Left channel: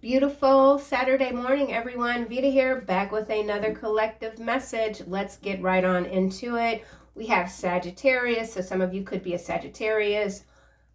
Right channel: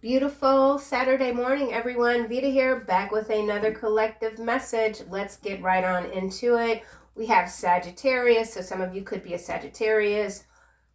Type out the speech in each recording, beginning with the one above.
Beautiful Saturday morning, everyone. Veda here, back with another collective message. Let's get right on into it. We have Sagittarius, so some of you could be a Sagittarius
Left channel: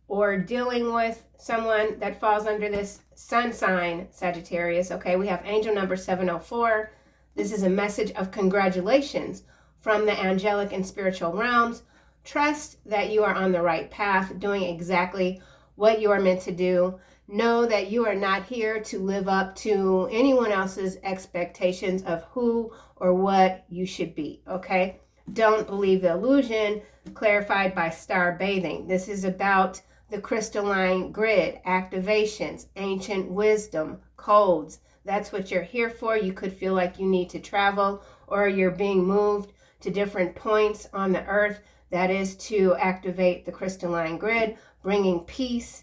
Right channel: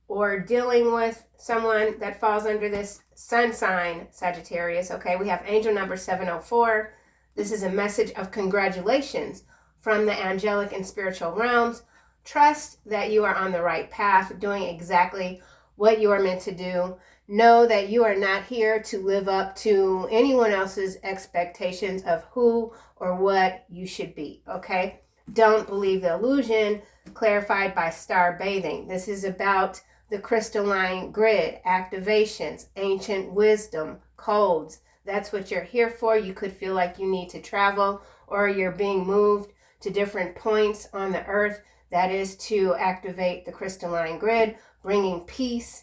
or dealing with someone that falls under this sun sign, Sagittarius. Okay, we have angel number 704. This is a message of congratulations from the angelic and spiritual realms. Trust that you are on the right path, doing exactly what you are meant to do. Know that you are not here to live up to anyone else's expectations of who or what you should be, okay? Don't believe the illusion, clarified by star bathing. This is about the crystalline grid, activations, ancient wisdom, codes. That's what you're here for. You could feel like you need to travel or you're being moved to different points on the earth. That is to activate the crystalline grid, bringing peace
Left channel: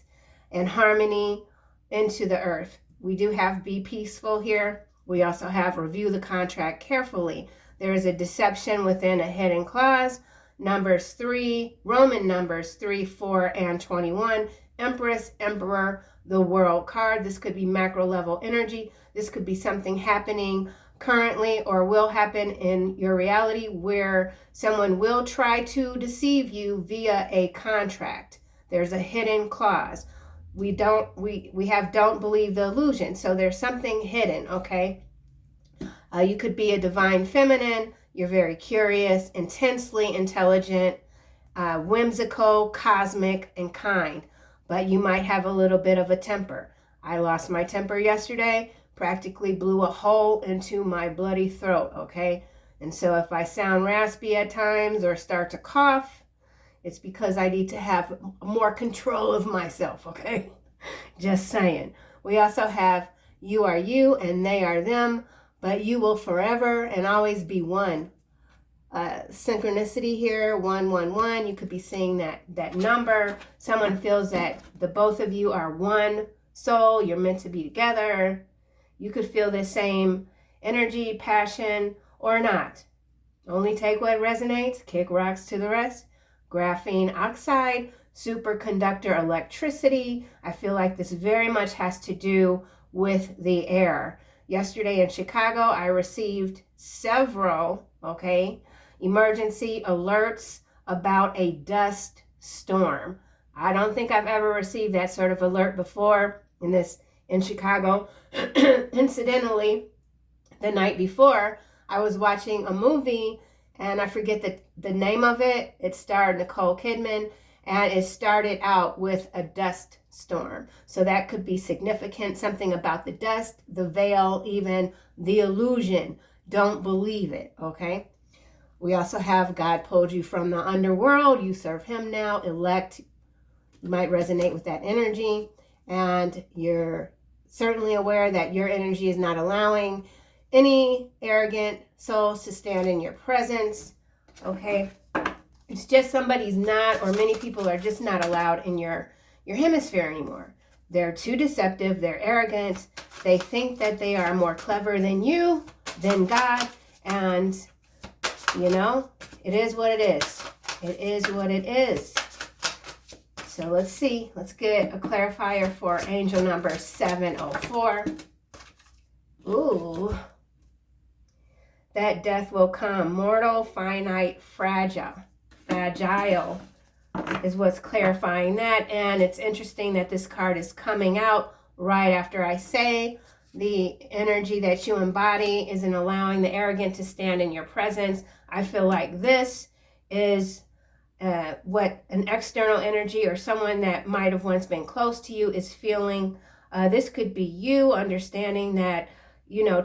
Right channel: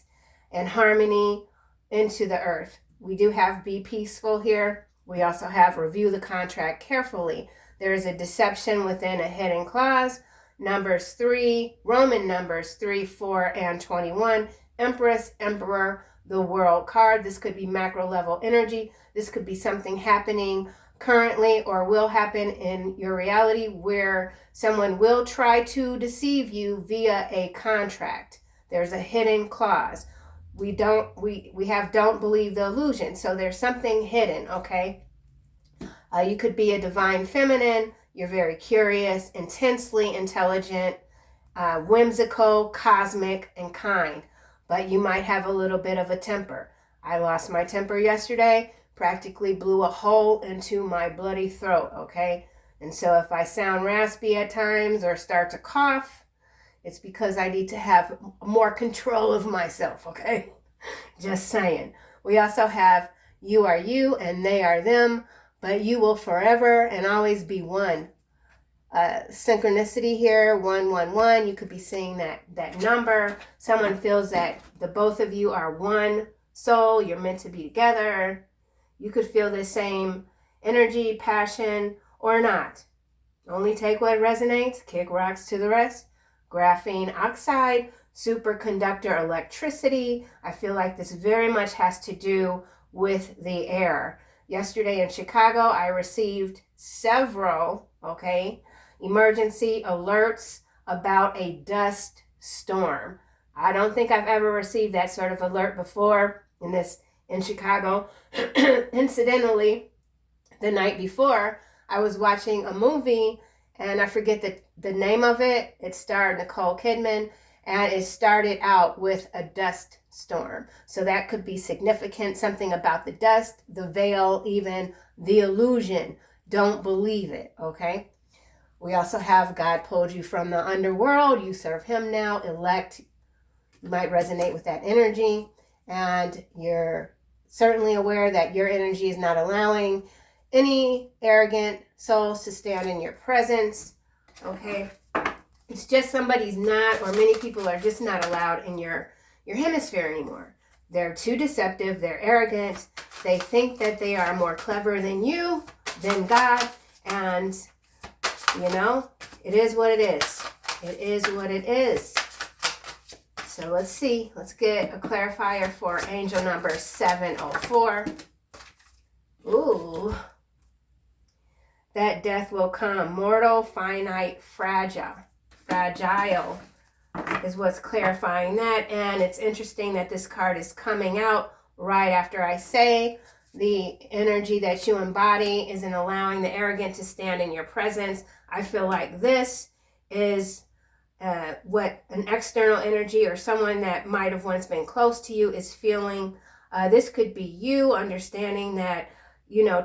and harmony into the earth. We do have be peaceful here. We also have review the contract carefully. There is a deception within a hidden clause. Numbers 3, Roman numbers 3, 4, and 21. Empress, Emperor, the World card. This could be macro level energy. This could be something happening currently or will happen in your reality where someone will try to deceive you via a contract. There's a hidden clause. We don't believe the illusion. So there's something hidden, okay? You could be a divine feminine. You're very curious, intensely intelligent, whimsical, cosmic, and kind. But you might have a little bit of a temper. I lost my temper yesterday, practically blew a hole into my bloody throat, okay? And so if I sound raspy at times or start to cough, it's because I need to have more control of myself, okay? Just saying. We also have you are you and they are them, but you will forever and always be one. Synchronicity here, 111. You could be seeing that number. Someone feels that the both of you are one soul. You're meant to be together. You could feel the same energy, passion, or not. Only take what resonates. Kick rocks to the rest. Graphene oxide, superconductor electricity. I feel like this very much has to do with the air. Yesterday in Chicago, I received several, emergency alerts about a dust storm. I don't think I've ever received that sort of alert before in Chicago. Incidentally, the night before, I was watching a movie and I forget the name of it. It starred Nicole Kidman, and it started out with a dust storm. So that could be significant, something about the dust, the veil, even the illusion. Don't believe it, okay? We also have God pulled you from the underworld. You serve him now, elect. You might resonate with that energy, and you're certainly aware that your energy is not allowing any arrogant souls to stand in your presence, okay? It's just somebody's not, or many people are just not allowed in your hemisphere anymore. They're too deceptive, they're arrogant, they think that they are more clever than you, than God, and, it is what it is. It is what it is. So let's see, let's get a clarifier for angel number 704. Ooh. That death will come. Mortal, finite, fragile is what's clarifying that. And it's interesting that this card is coming out right after I say the energy that you embody isn't allowing the arrogant to stand in your presence. I feel like this is what an external energy or someone that might have once been close to you is feeling. This could be you understanding that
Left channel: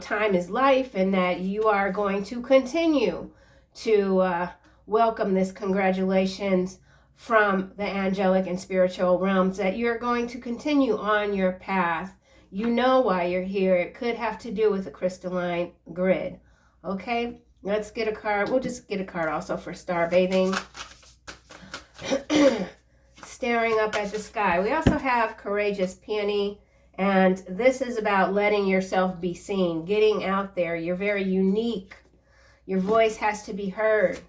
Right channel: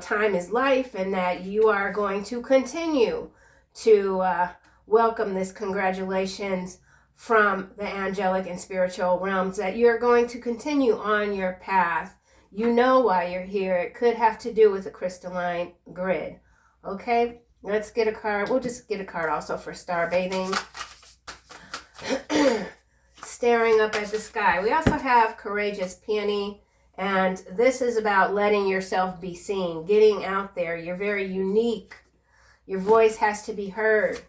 time is life and that you are going to continue to welcome this congratulations from the angelic and spiritual realms, that you're going to continue on your path. You know why you're here. It could have to do with the crystalline grid. Okay, let's get a card. We'll just get a card also for star bathing. Staring up at the sky. We also have courageous peony. And this is about letting yourself be seen, getting out there. You're very unique. Your voice has to be heard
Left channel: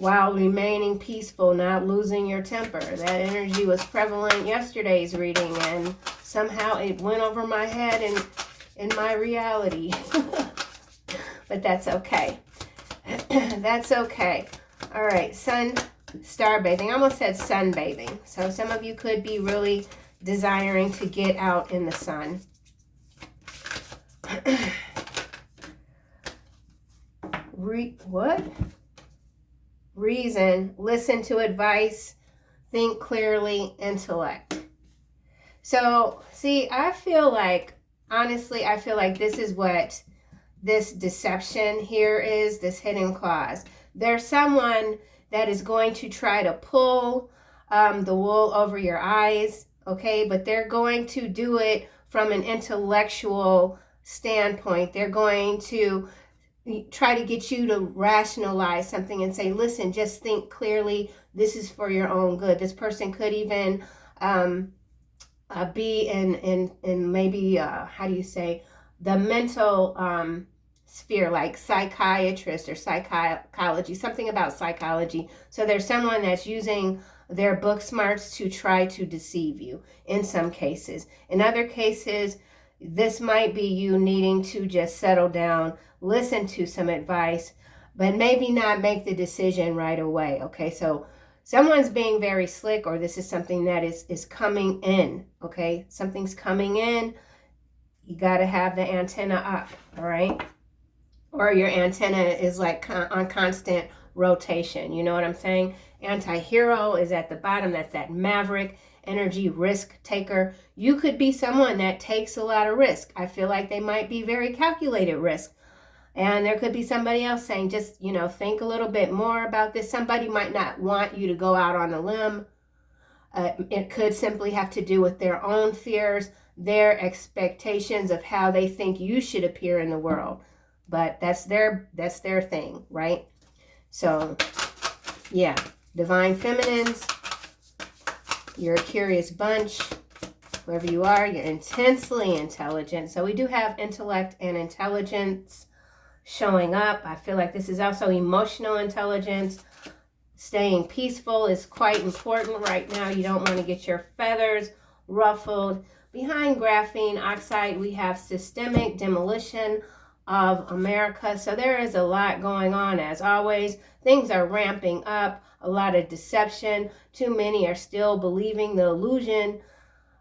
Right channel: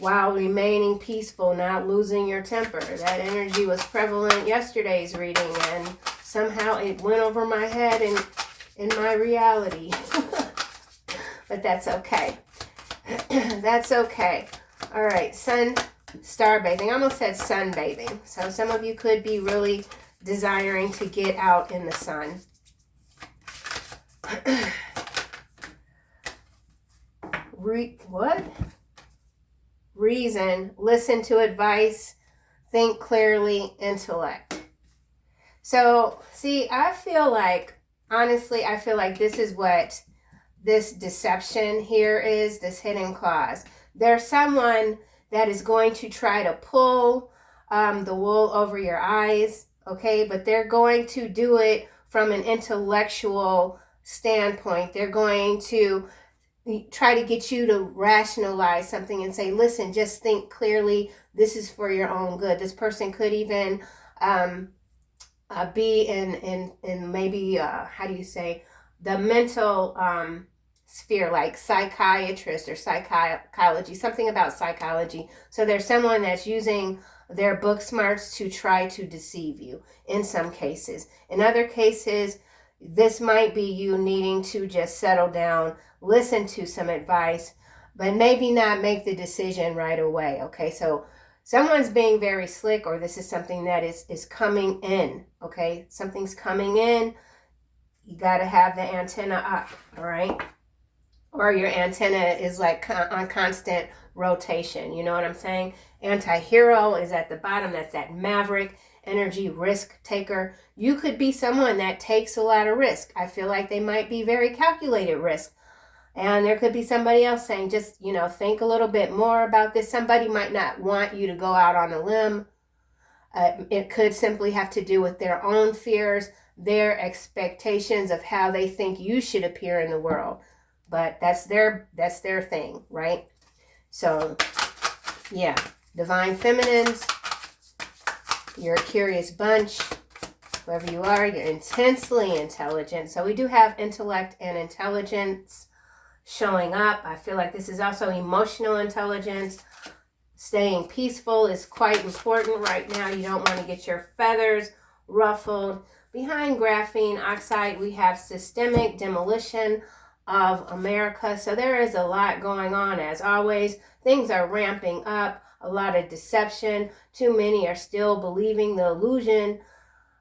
while remaining peaceful, not losing your temper. That energy was prevalent yesterday's reading, and somehow it went over my head and in my reality. But that's okay. That's okay. All right, star bathing. I almost said sunbathing. So some of you could be really desiring to get out in the sun. What? Reason, listen to advice, think clearly, intellect. So, see, I feel like, honestly, I feel like this is what this deception here is, this hidden clause. There's someone that is going to try to pull the wool over your eyes, okay? But they're going to do it from an intellectual standpoint. They're going to try to get you to rationalize something and say, listen, just think clearly. This is for your own good. This person could even be in maybe, how do you say, the mental sphere, like psychiatrist or psychology, something about psychology. So there's someone that's using their book smarts to try to deceive you in some cases. In other cases, this might be you needing to just settle down, listen to some advice, but maybe not make the decision right away, okay? So someone's being very slick, or this is something that is coming in, okay? Something's coming in. You got to have the antenna up, all right? Or your antenna is like on constant rotation. You know what I'm saying? Anti-hero is at the bottom. That's that maverick energy risk taker. You could be someone that takes a lot of risk. I feel like they might be very calculated risk. And there could be somebody else saying, just, think a little bit more about this. Somebody might not want you to go out on a limb. It could simply have to do with their own fears, their expectations of how they think you should appear in the world. But that's their thing, right? So, yeah, divine feminines, you're a curious bunch. Whoever you are, you're intensely intelligent. So we do have intellect and intelligence showing up. I feel like this is also emotional intelligence. Staying peaceful is quite important right now. You don't want to get your feathers ruffled. Behind graphene oxide, we have systemic demolition of America. So there is a lot going on. As always, things are ramping up, a lot of deception. Too many are still believing the illusion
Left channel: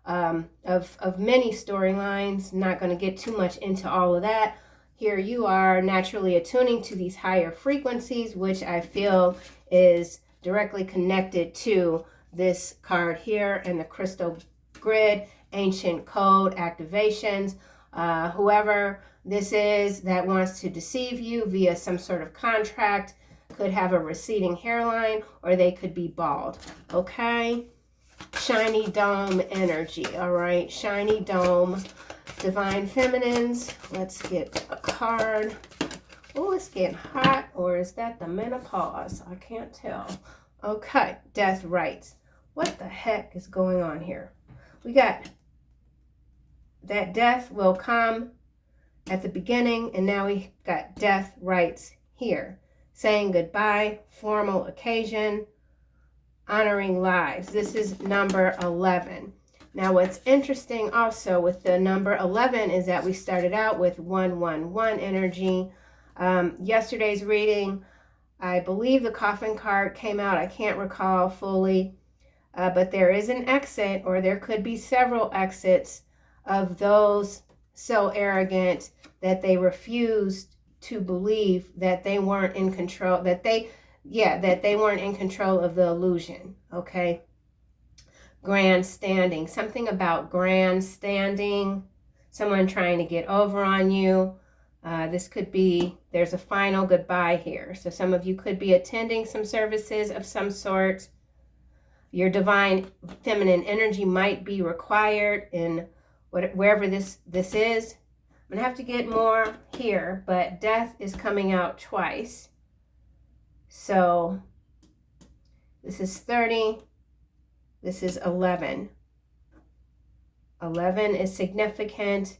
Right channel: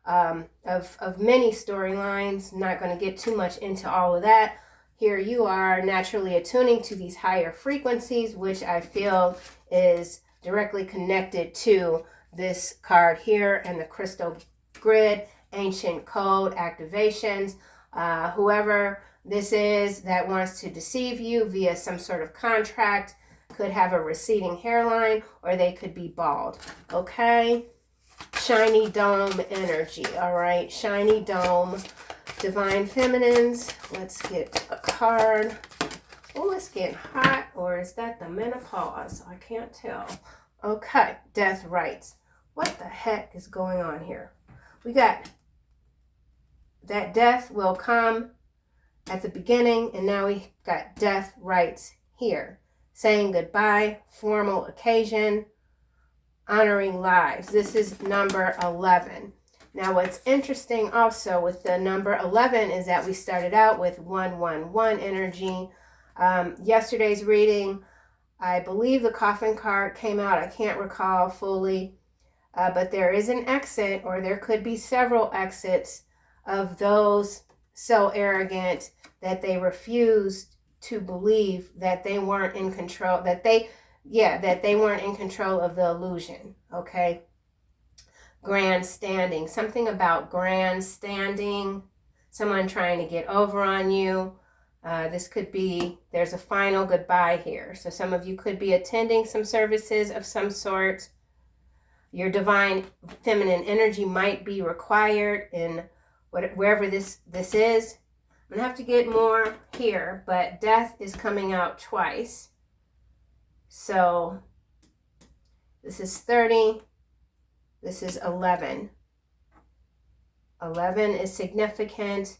of many storylines. Not going to get too much into all of that. Here you are naturally attuning to these higher frequencies, which I feel is directly connected to this card here and the crystal grid, ancient code activations. Whoever this is that wants to deceive you via some sort of contract could have a receding hairline, or they could be bald, okay? Shiny dome energy, all right? Shiny dome. Divine feminines, let's get a card. Oh, it's getting hot, or is that the menopause? I can't tell. Okay, death rights. What the heck is going on here? We got that death will come at the beginning, and now we got death rights here. Saying goodbye, formal occasion, honoring lives. This is number 11. Now, what's interesting also with the number 11 is that we started out with 111 energy. Yesterday's reading, I believe the coffin card came out. I can't recall fully, but there is an exit, or there could be several exits of those so arrogant that they refused to believe that they weren't in control, that they weren't in control of the illusion, okay? Grandstanding, something about grandstanding, someone trying to get over on you. This could be, there's a final goodbye here. So some of you could be attending some services of some sort. Your divine feminine energy might be required in wherever this is. I'm going to have to get more here, but death is coming out twice. So this is 30. This is 11. 11 is significant.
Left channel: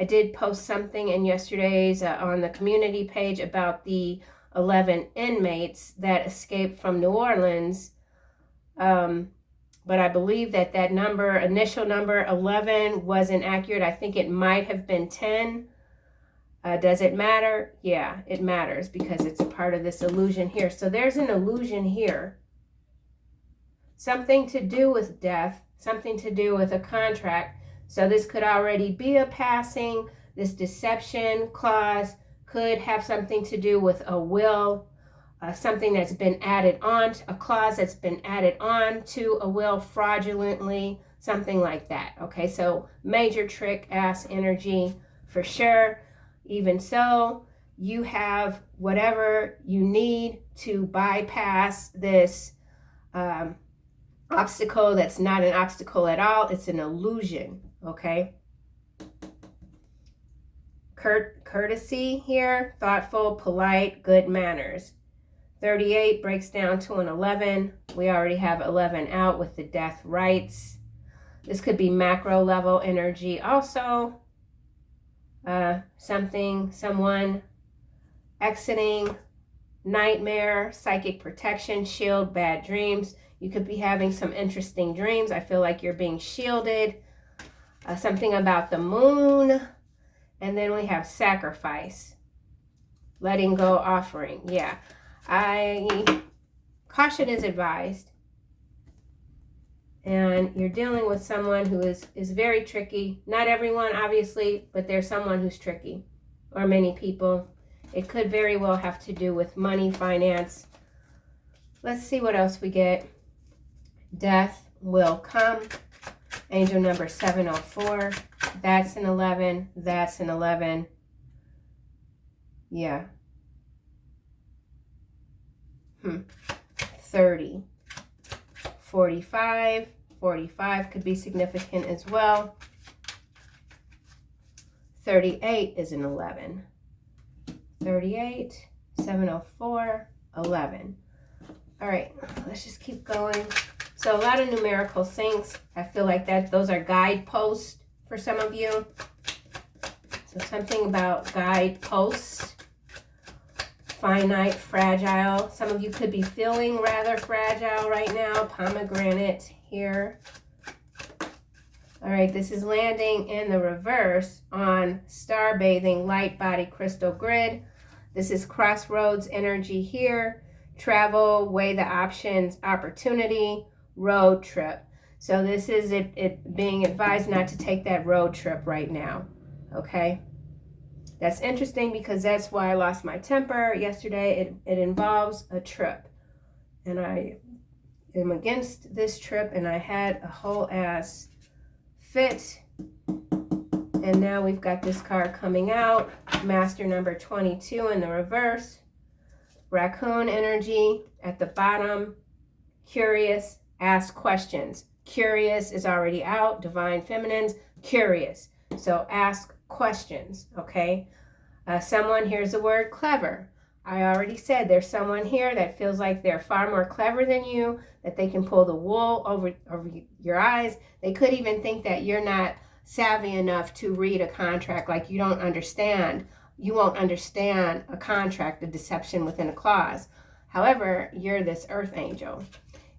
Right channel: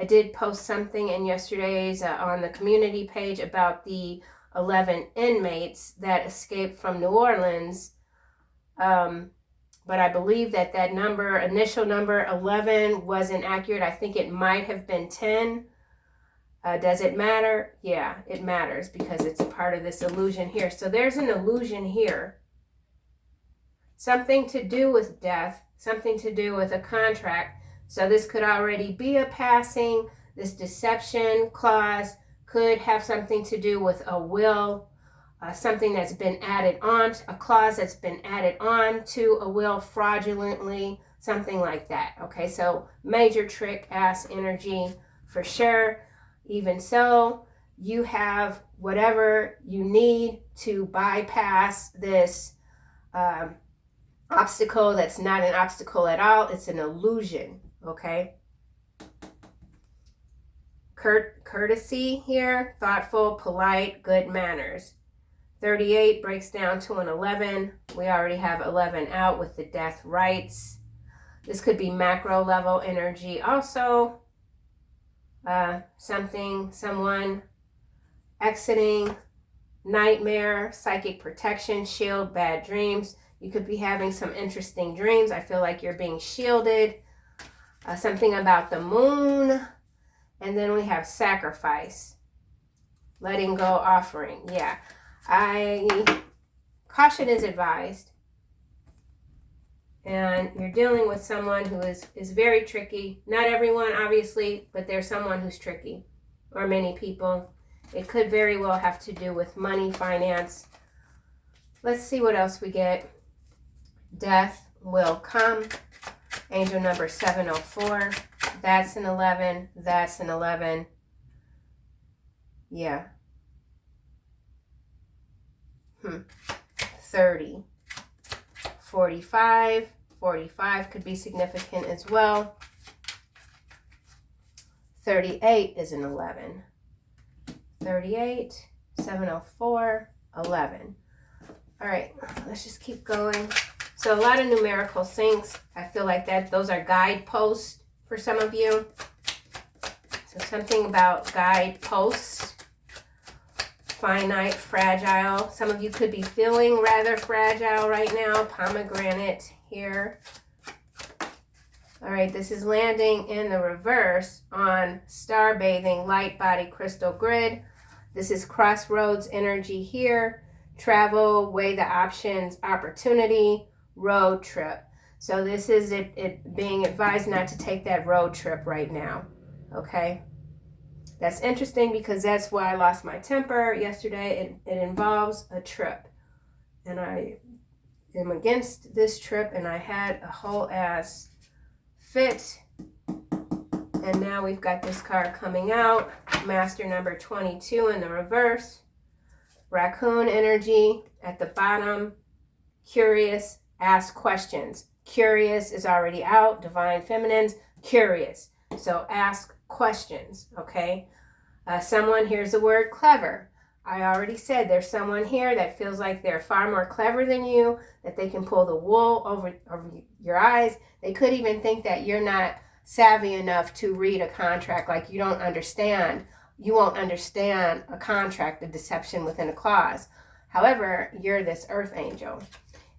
I did post something in yesterday's on the community page about the 11 inmates that escaped from New Orleans but I believe that that number, initial number 11, wasn't accurate. I think it might have been 10. Does it matter? Yeah, it matters because it's a part of this illusion here. So there's an illusion here. Something to do with death, something to do with a contract. So this could already be a passing. This deception clause could have something to do with a will, something that's been added on, a clause that's been added on to a will fraudulently, something like that. Okay, so major trick ass energy for sure. Even so, you have whatever you need to bypass this obstacle that's not an obstacle at all. It's an illusion, okay? Courtesy here, thoughtful, polite, good manners. 38 breaks down to an 11. We already have 11 out with the death rights. This could be macro level energy also. Someone exiting, nightmare, psychic protection, shield, bad dreams. You could be having some interesting dreams. I feel like you're being shielded. Something about the moon. And then we have sacrifice, letting go, offering. Yeah, caution is advised. And you're dealing with someone who is very tricky. Not everyone, obviously, but there's someone who's tricky, or many people. It could very well have to do with money, finance. Let's see what else we get. Death will come. Angel number 704. That's an 11. That's an 11. Yeah. 30. 45. 45 could be significant as well. 38 is an 11. 38, 704, 11. All right, let's just keep going. So a lot of numerical syncs. I feel like those are guideposts for some of you. So something about guideposts. Finite, fragile. Some of you could be feeling rather fragile right now. Pomegranate here. All right, this is landing in the reverse on star bathing, light body, crystal grid. This is crossroads energy here. Travel, weigh the options, opportunity, road trip. So this is it being advised not to take that road trip right now, okay? That's interesting because that's why I lost my temper yesterday. It involves a trip. And I am against this trip, and I had a whole ass fit. And now we've got this card coming out. Master number 22 in the reverse. Raccoon energy at the bottom. Curious, ask questions. Curious is already out. Divine feminines, curious. So ask questions, okay? Someone, here's the word clever. I already said there's someone here that feels like they're far more clever than you, that they can pull the wool over your eyes. They could even think that you're not savvy enough to read a contract, like you don't understand. You won't understand a contract, a deception within a clause. However, you're this earth angel.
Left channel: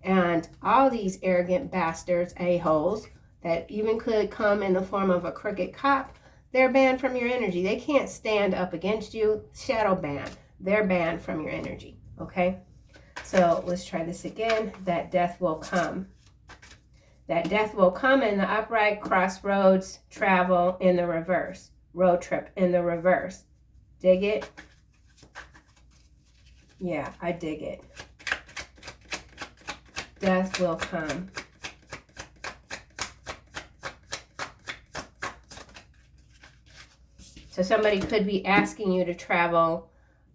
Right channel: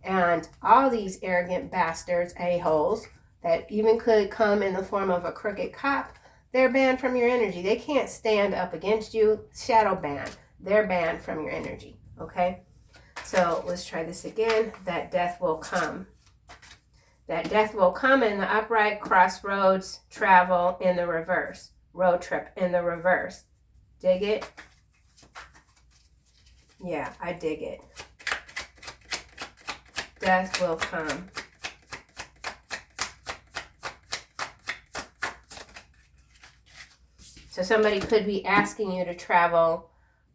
And all these arrogant bastards, a-holes, that even could come in the form of a crooked cop, they're banned from your energy. They can't stand up against you. Shadow ban. They're banned from your energy, okay? So let's try this again. That death will come. That death will come in the upright, crossroads, travel in the reverse. Road trip in the reverse. Dig it? Yeah, I dig it. Death will come. So somebody could be asking you to travel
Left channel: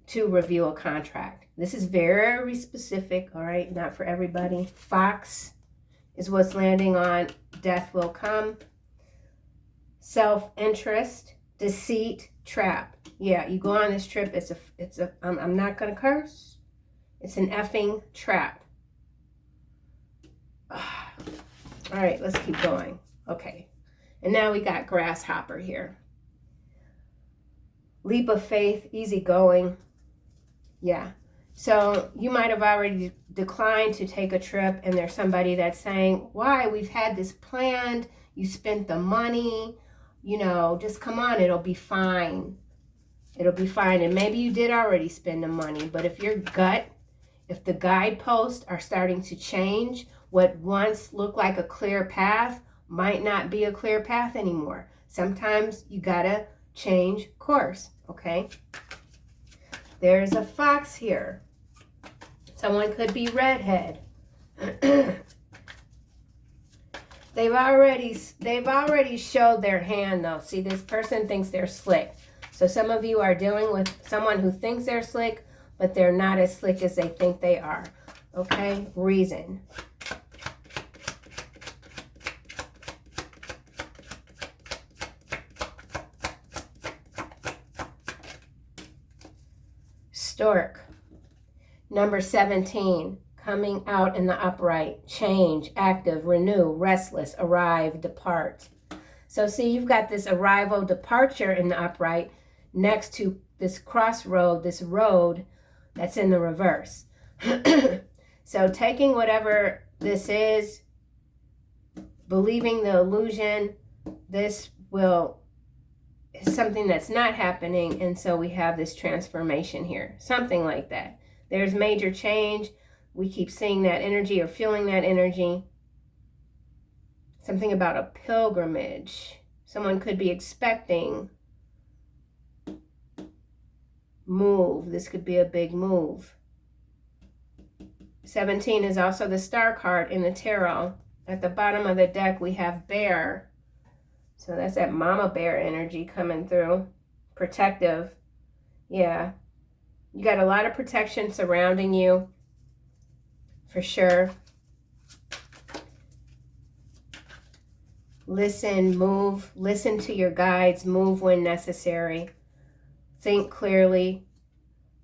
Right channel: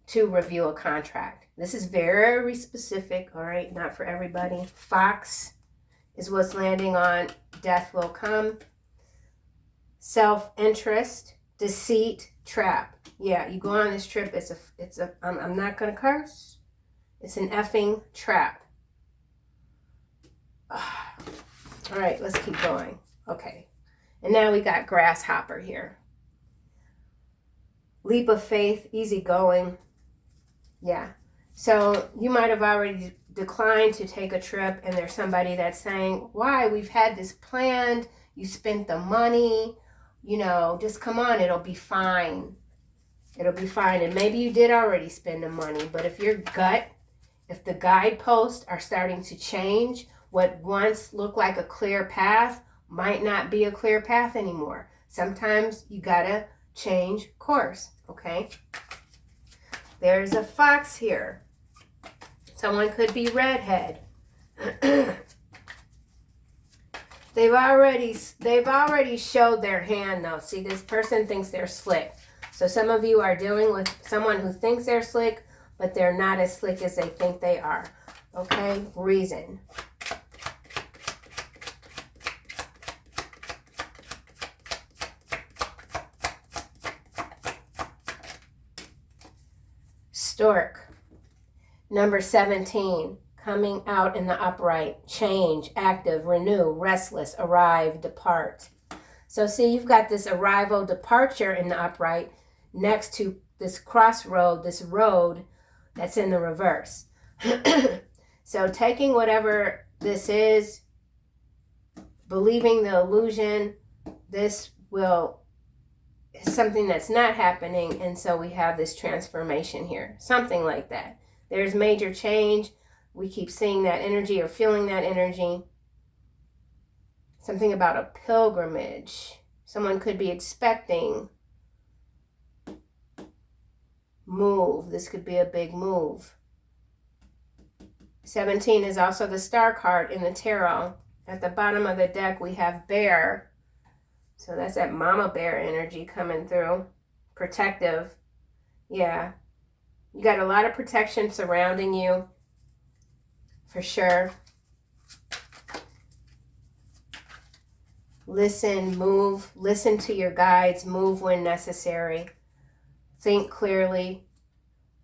to review a contract. This is very specific, all right? Not for everybody. Fox is what's landing on death will come. Self-interest, deceit, trap. Yeah, you go on this trip, I'm not going to curse. It's an effing trap. All right, let's keep going. Okay. And now we got grasshopper here. Leap of faith, easy going. Yeah. So you might have already decline to take a trip, and there's somebody that's saying, why? We've had this planned. You spent the money. You know, just come on. It'll be fine. It'll be fine. And maybe you did already spend the money, but if your gut, if the guideposts are starting to change, what once looked like a clear path might not be a clear path anymore. Sometimes you gotta change course, okay? There's a fox here. Someone could be redhead. They've already showed their hand though. See, this person thinks they're slick. So some of you are dealing with someone who thinks they're slick, but they're not as slick as they think they are. Okay, reason. Stork. Number 17, coming out in the upright, change, active, renew, restless, arrive, depart. So see, you've got this arrival, departure in the upright next to this crossroad, this road that's in the reverse. So taking whatever this is, believing the illusion, this will is something that's not happening, and so we have this transformation here, something like that. There's major change. We keep seeing that energy or feeling that energy. Something about a pilgrimage. Someone could be expecting move. This could be a big move. 17 is also the star card in the tarot. At the bottom of the deck, we have bear. So that's that mama bear energy coming through. Protective. Yeah. You got a lot of protection surrounding you. For sure. Listen, move. Listen to your guides. Move when necessary. Think clearly.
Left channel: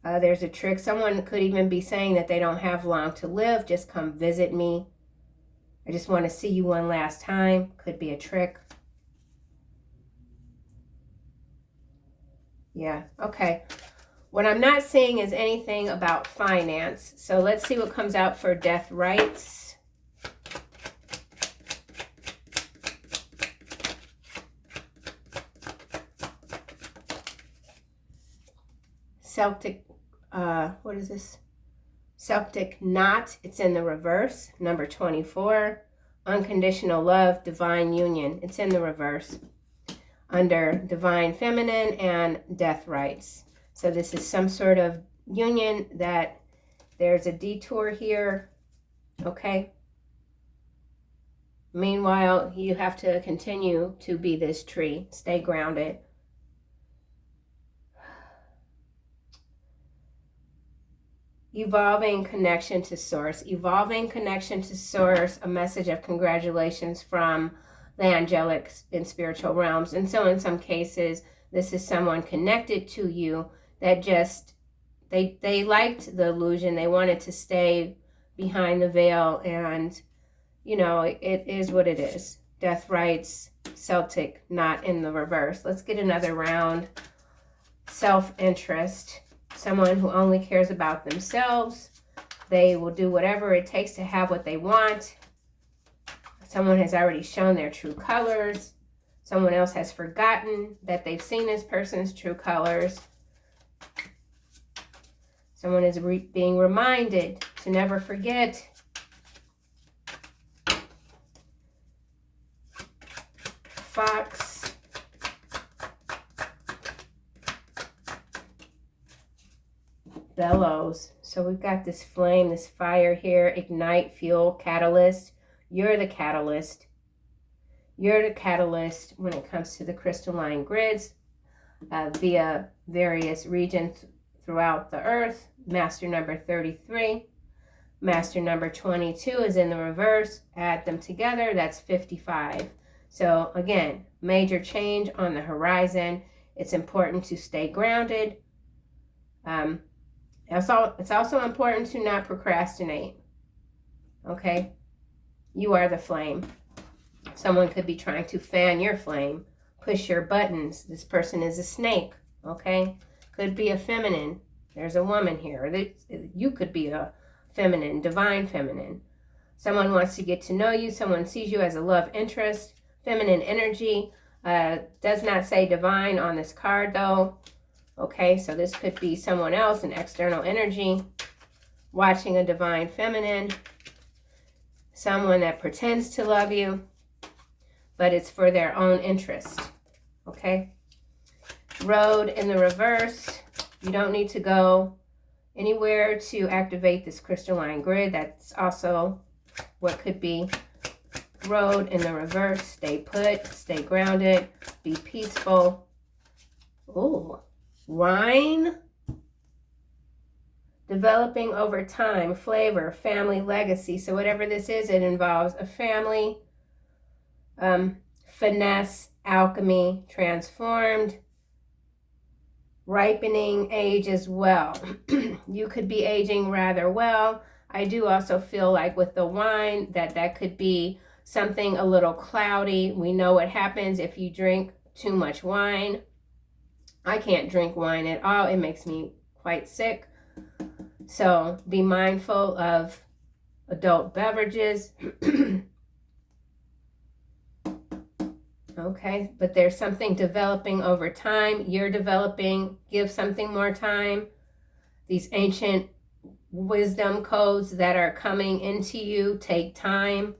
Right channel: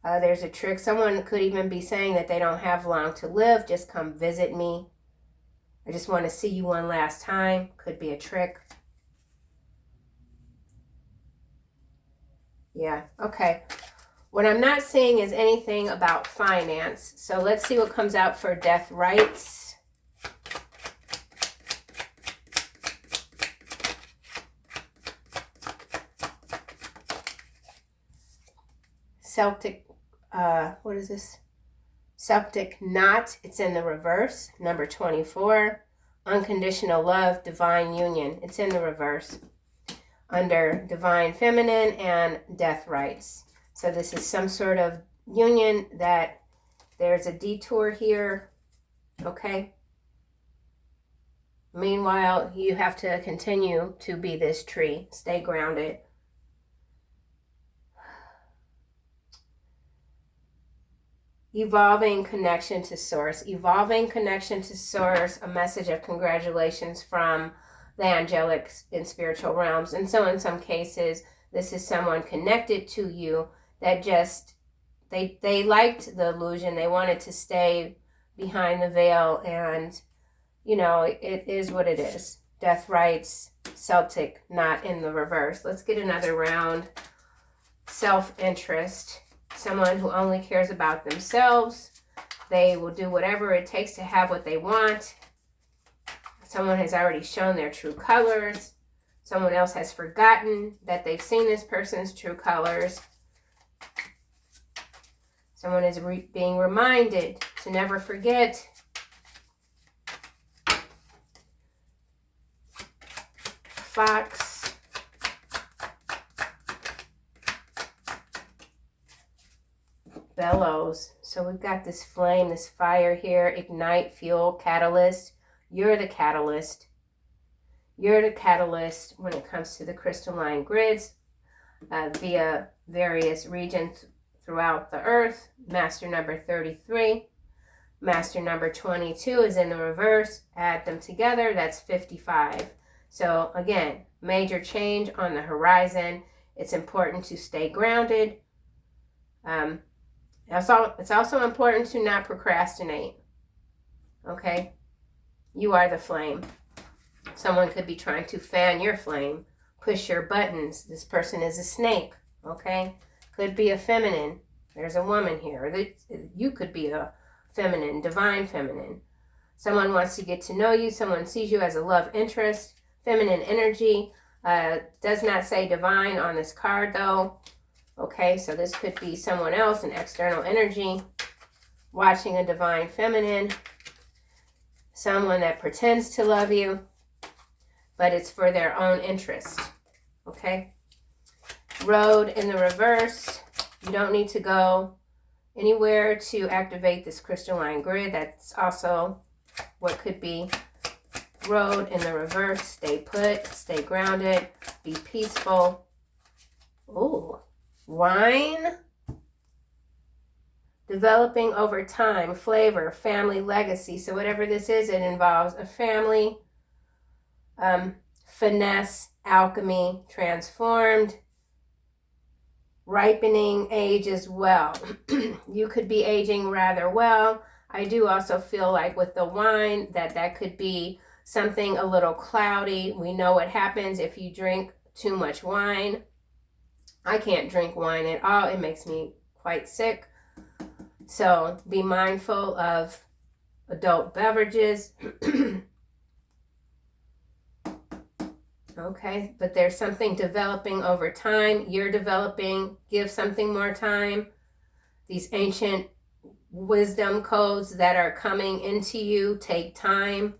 There's a trick. Someone could even be saying that they don't have long to live. Just come visit me. I just want to see you one last time. Could be a trick. Yeah, okay. What I'm not seeing is anything about finance. So let's see what comes out for death rights. Celtic, what is this? Celtic knot, it's in the reverse, number 24. Unconditional love, divine union, it's in the reverse. Under divine feminine and death rights. So this is some sort of union that there's a detour here, okay? Meanwhile, you have to continue to be this tree, stay grounded. Evolving connection to source. Evolving connection to source, a message of congratulations from the angelic and spiritual realms. And so in some cases, this is someone connected to you that just, they liked the illusion. They wanted to stay behind the veil, and, you know, it is what it is. Death rights, Celtic, not in the reverse. Let's get another round. Self-interest. Someone who only cares about themselves. They will do whatever it takes to have what they want. Someone has already shown their true colors. Someone else has forgotten that they've seen this person's true colors. Someone is being reminded to never forget. Fox. Bellows. So we've got this flame, this fire here. Ignite, fuel, catalyst. You're the catalyst. You're the catalyst when it comes to the crystalline grids via various regions throughout the earth. Master number 33. Master number 22 is in the reverse. Add them together, that's 55. So again, major change on the horizon. It's important to stay grounded. It's also important to not procrastinate. Okay? You are the flame. Someone could be trying to fan your flame, push your buttons. This person is a snake. Okay? Could be a feminine. There's a woman here. You could be a feminine, divine feminine. Someone wants to get to know you. Someone sees you as a love interest. Feminine energy. Does not say divine on this card though. Okay, so this could be someone else, an external energy, watching a divine feminine. Someone that pretends to love you, but it's for their own interest. Okay. Road in the reverse. You don't need to go anywhere to activate this crystalline grid. That's also what could be road in the reverse. Stay put, stay grounded, be peaceful. Ooh, wine. Developing over time, flavor, family, legacy. So whatever this is, it involves a family, finesse, alchemy, transformed, ripening age as well. You could be aging rather well. I do also feel like with the wine that could be something a little cloudy. We know what happens if you drink too much wine. I can't drink wine at all. It makes me quite sick. So be mindful of adult beverages. Okay, but there's something developing over time. You're developing. Give something more time. These ancient wisdom codes that are coming into you take time.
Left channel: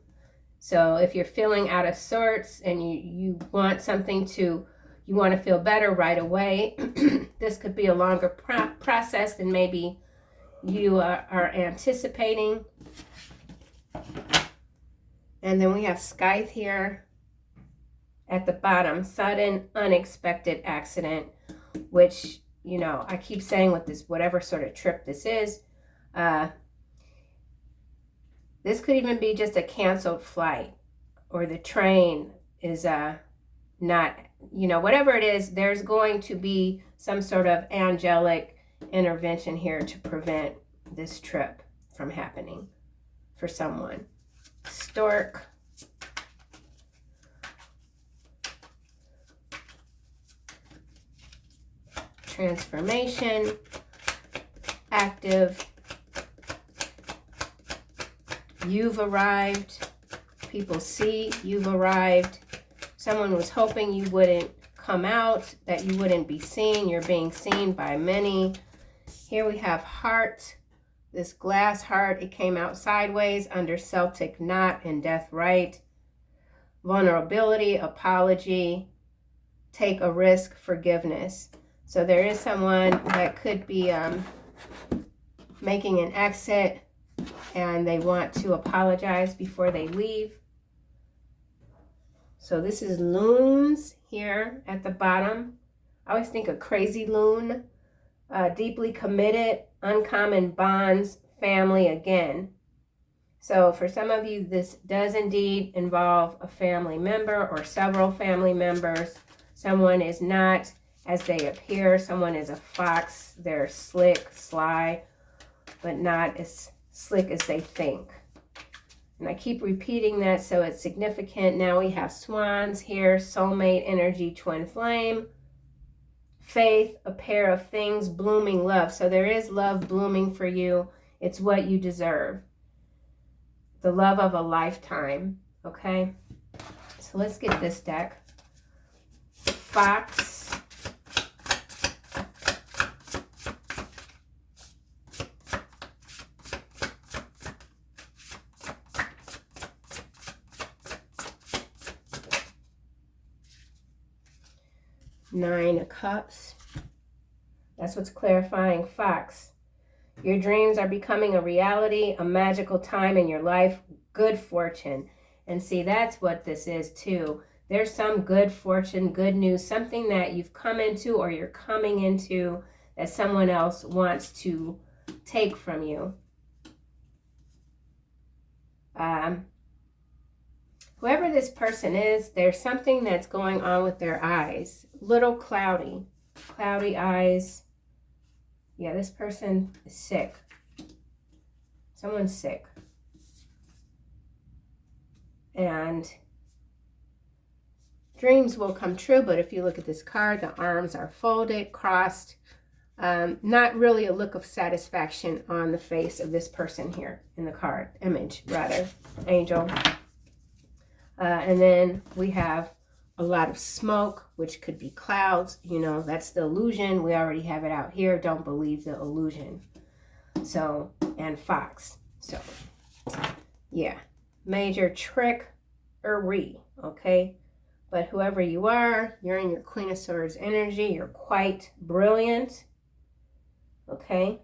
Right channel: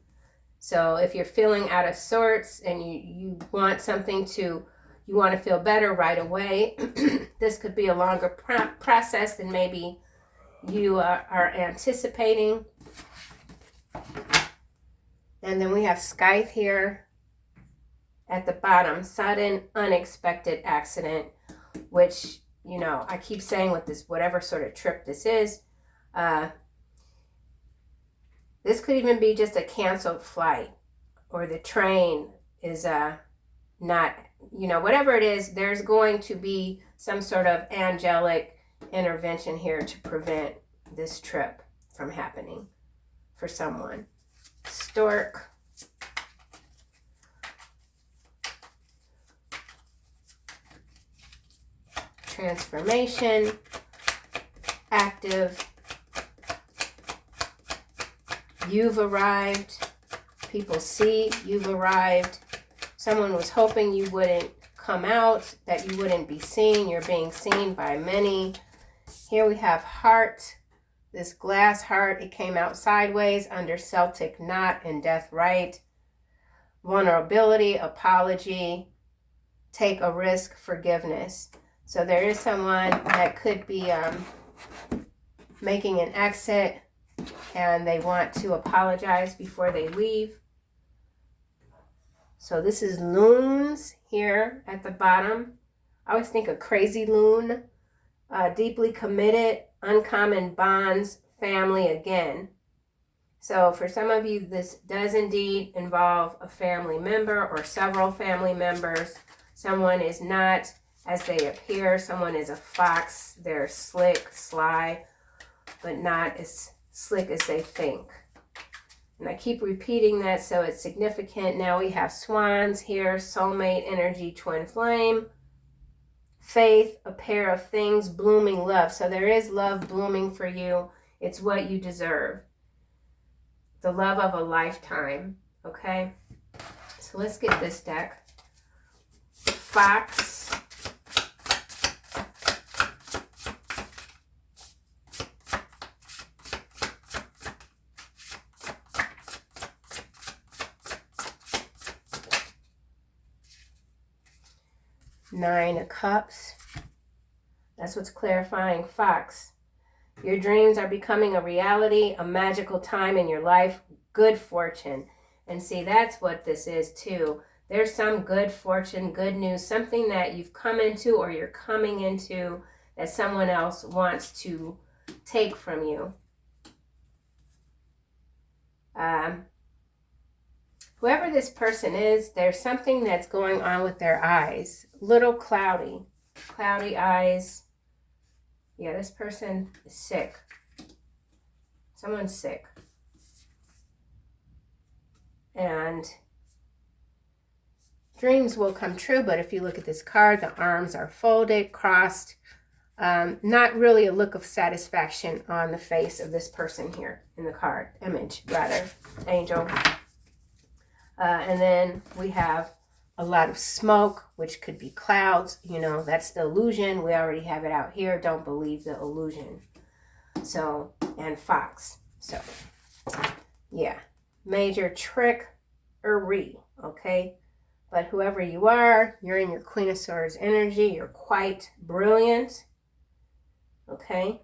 So if you're feeling out of sorts and you want something to, you want to feel better right away, this could be a longer process than maybe you are anticipating. And then we have Scythe here at the bottom. Sudden, unexpected accident, which, you know, I keep saying with this, whatever sort of trip this is, this could even be just a canceled flight, or the train is not, you know, whatever it is, there's going to be some sort of angelic intervention here to prevent this trip from happening for someone. Stork. Transformation. Active. You've arrived. People see you've arrived. Someone was hoping you wouldn't come out, that you wouldn't be seen. You're being seen by many. Here we have heart. This glass heart, it came out sideways under Celtic knot and death right. Vulnerability, apology, take a risk, forgiveness. So there is someone that could be making an exit and they want to apologize before they leave. So this is loons here at the bottom. I always think a crazy loon. Deeply committed, uncommon bonds, family again. So for some of you, this does indeed involve a family member or several family members. Someone is not as they appear. Someone is a fox. They're slick, sly, but not as slick as they think. And I keep repeating that so it's significant. Now we have swans here, soulmate energy, twin flame. Faith, a pair of things, blooming love. So there is love blooming for you. It's what you deserve. The love of a lifetime. Okay? So let's get this deck. Fox. Nine of Cups. That's what's clarifying. Fox. Your dreams are becoming a reality, a magical time in your life, good fortune. And see, that's what this is too. There's some good fortune, good news, something that you've come into or you're coming into that someone else wants to take from you. Whoever this person is, there's something that's going on with their eyes. Little cloudy. Cloudy eyes. Yeah, this person is sick. Someone's sick. And dreams will come true, but if you look at this card, the arms are folded, crossed. Not really a look of satisfaction on the face of this person here in the card, image rather, angel. And then we have a lot of smoke, which could be clouds. You know, that's the illusion. We already have it out here. Don't believe the illusion. So, and fox. So, yeah, major trickery, okay? But whoever you are, you're in your Queen of Swords energy. You're quite brilliant, okay?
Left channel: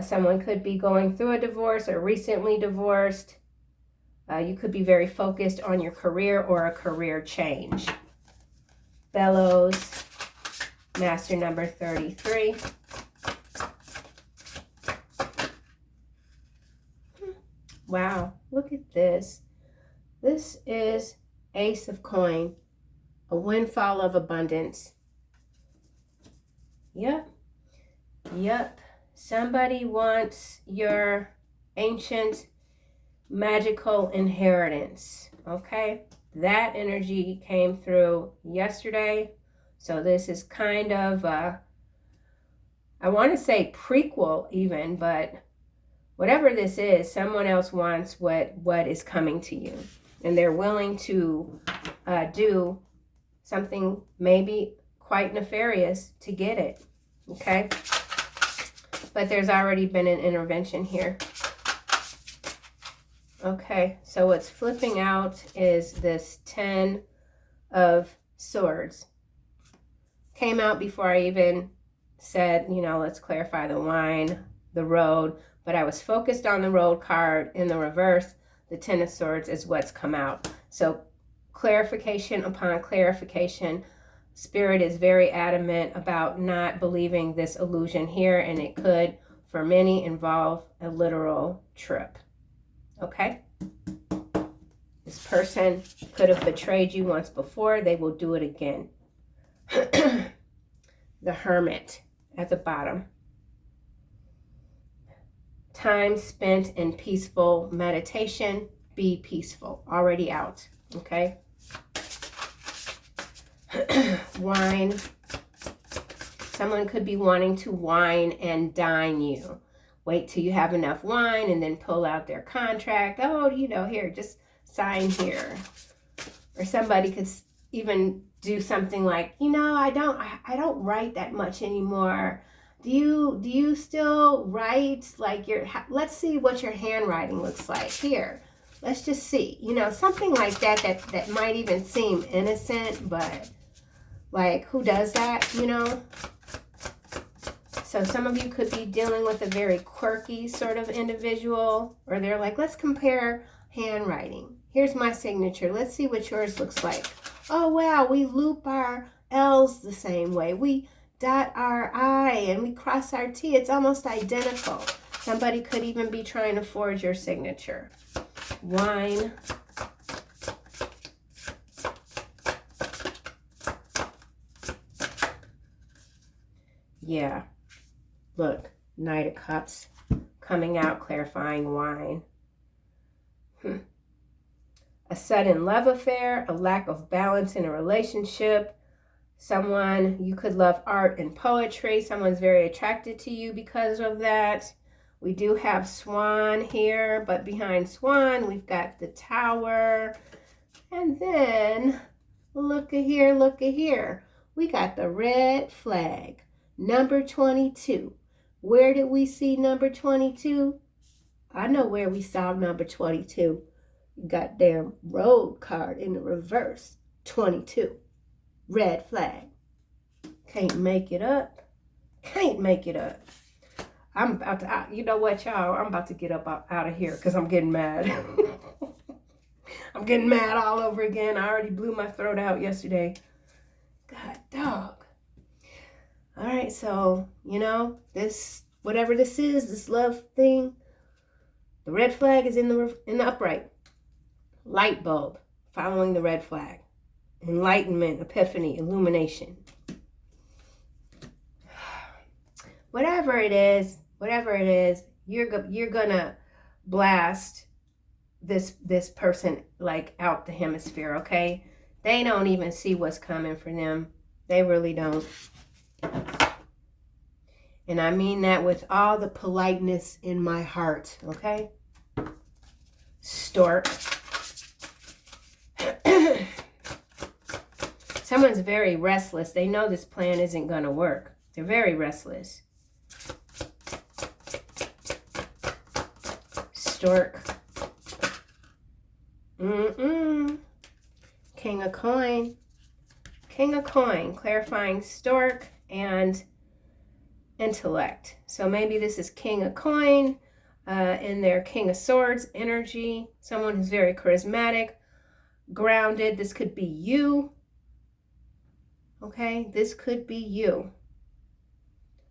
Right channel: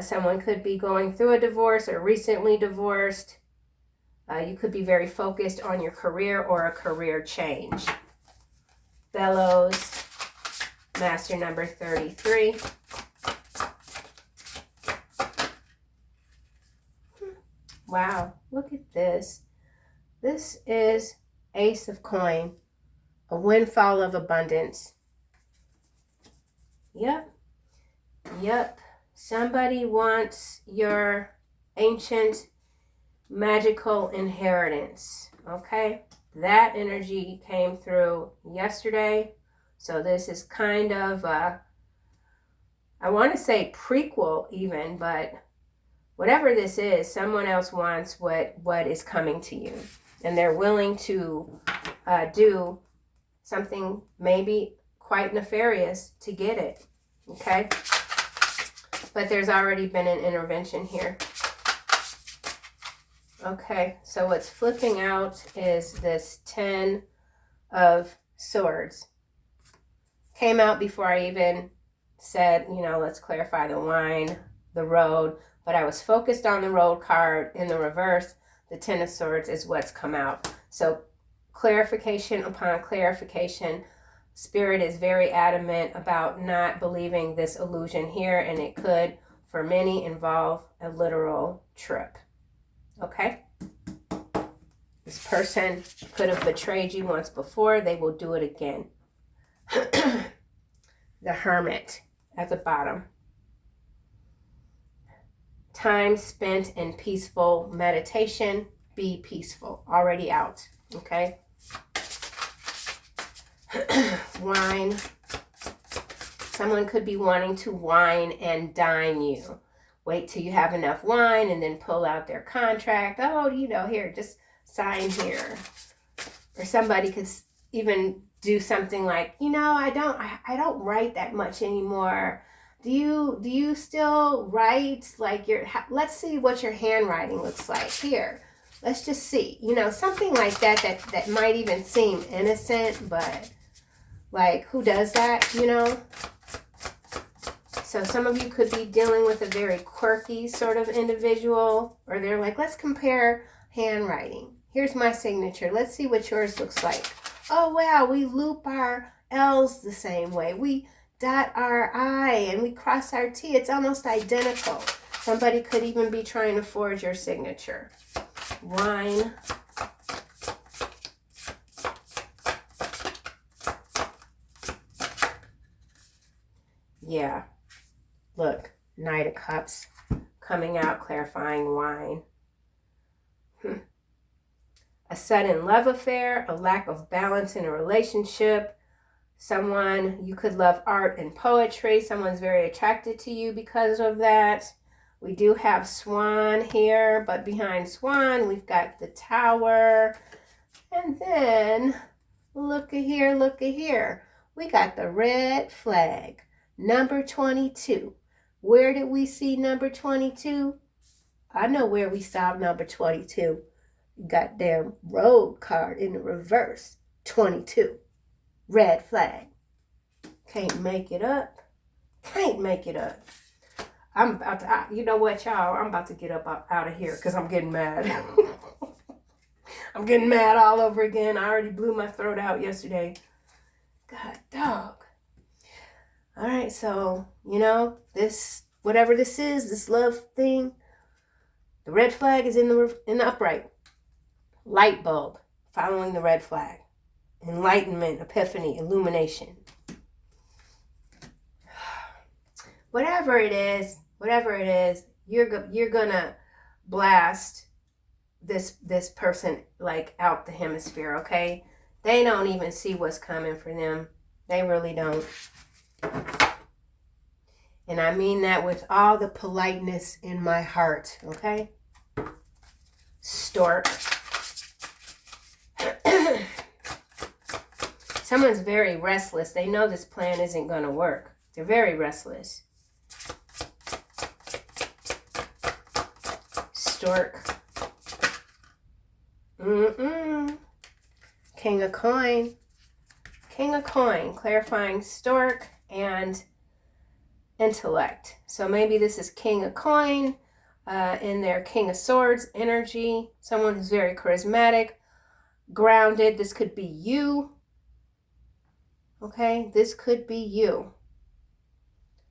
Someone could be going through a divorce or recently divorced. You could be very focused on your career or a career change. Bellows, master number 33. Wow, look at this. This is Ace of Coin, a windfall of abundance. Yep. Somebody wants your ancient magical inheritance, okay? That energy came through yesterday. So this is kind of, I want to say prequel even, but whatever this is, someone else wants what is coming to you. And they're willing to do something maybe quite nefarious to get it, okay? But there's already been an intervention here. Okay, so what's flipping out is this 10 of Swords. Came out before I even said, you know, let's clarify the wine, the road. But I was focused on the road card in the reverse. The 10 of Swords is what's come out. So clarification upon clarification. Spirit is very adamant about not believing this illusion here, and it could, for many, involve a literal trip. Okay? This person could have betrayed you once before. They will do it again. The Hermit at the bottom. Time spent in peaceful meditation. Be peaceful. Already out. Okay? Wine. Someone could be wanting to wine and dine you. Wait till you have enough wine and then pull out their contract. Oh, you know, here, just sign here. Or somebody could even do something like, you know, I don't write that much anymore. Do you still write like let's see what your handwriting looks like here. Let's just see, you know, something like that might even seem innocent, but like, who does that, you know? So some of you could be dealing with a very quirky sort of individual, or they're like, let's compare handwriting. Here's my signature. Let's see what yours looks like. Oh, wow, we loop our L's the same way. We dot our I and we cross our T. It's almost identical. Somebody could even be trying to forge your signature. Wine. Yeah. Look, Knight of Cups coming out, clarifying wine. A sudden love affair, a lack of balance in a relationship. Someone, you could love art and poetry. Someone's very attracted to you because of that. We do have Swan here, but behind Swan, we've got the Tower. And then, look at here. We got the red flag, number 22. Where did we see number 22? I know where we saw number 22. Goddamn road card in the reverse. 22. Red flag. Can't make it up. I'm about to, you know what, y'all? I'm about to get up out of here because I'm getting mad. I'm getting mad all over again. I already blew my throat out yesterday. God dog. All right, so, you know, this, whatever this is, this love thing, the red flag is in the upright. Light bulb, following the red flag. Enlightenment, epiphany, illumination. Whatever it is, you're gonna blast this person like out the hemisphere, okay? They don't even see what's coming for them. They really don't. And I mean that with all the politeness in my heart, okay? Stork. Someone's very restless. They know this plan isn't going to work. They're very restless. Stork. King of coin. King of coin. Clarifying stork and intellect. So maybe this is king of coin in their king of swords energy. Someone who's very charismatic, grounded. This could be you. Okay, this could be you.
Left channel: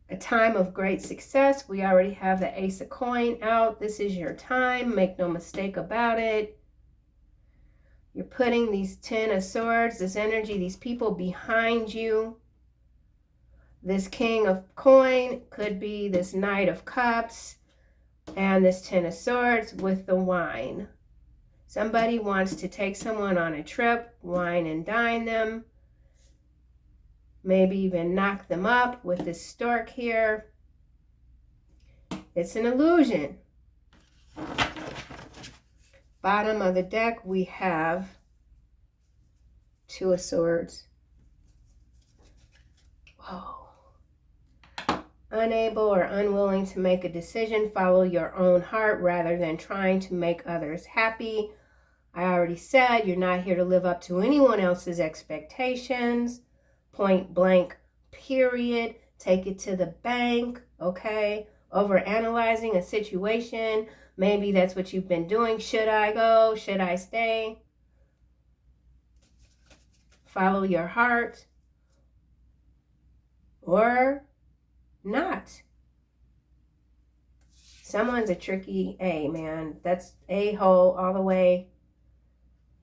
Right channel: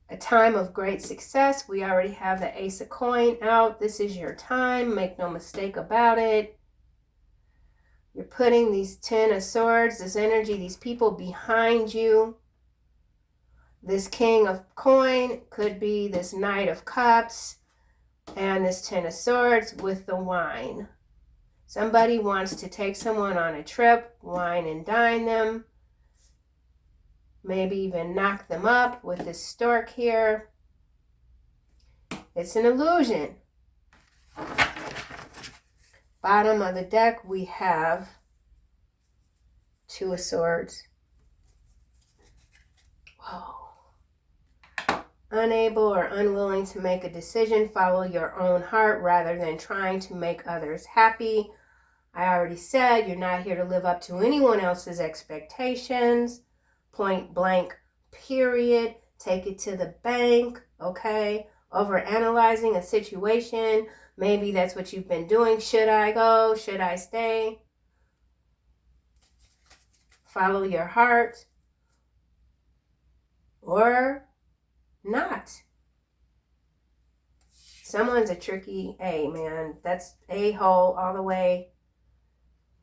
A time of great success. We already have the ace of coin out. This is your time. Make no mistake about it. You're putting these 10 of swords, this energy, these people behind you. This king of coin could be this knight of cups and this 10 of swords with the wine. Somebody wants to take someone on a trip, wine and dine them. Maybe even knock them up with this stork here. It's an illusion. Bottom of the deck, we have 2 of swords. Whoa. Unable or unwilling to make a decision. Follow your own heart rather than trying to make others happy. I already said you're not here to live up to anyone else's expectations. Point blank, period. Take it to the bank, okay? Overanalyzing a situation. Maybe that's what you've been doing. Should I go? Should I stay? Follow your heart. Or not. Someone's a tricky A, man. That's a-hole all the way.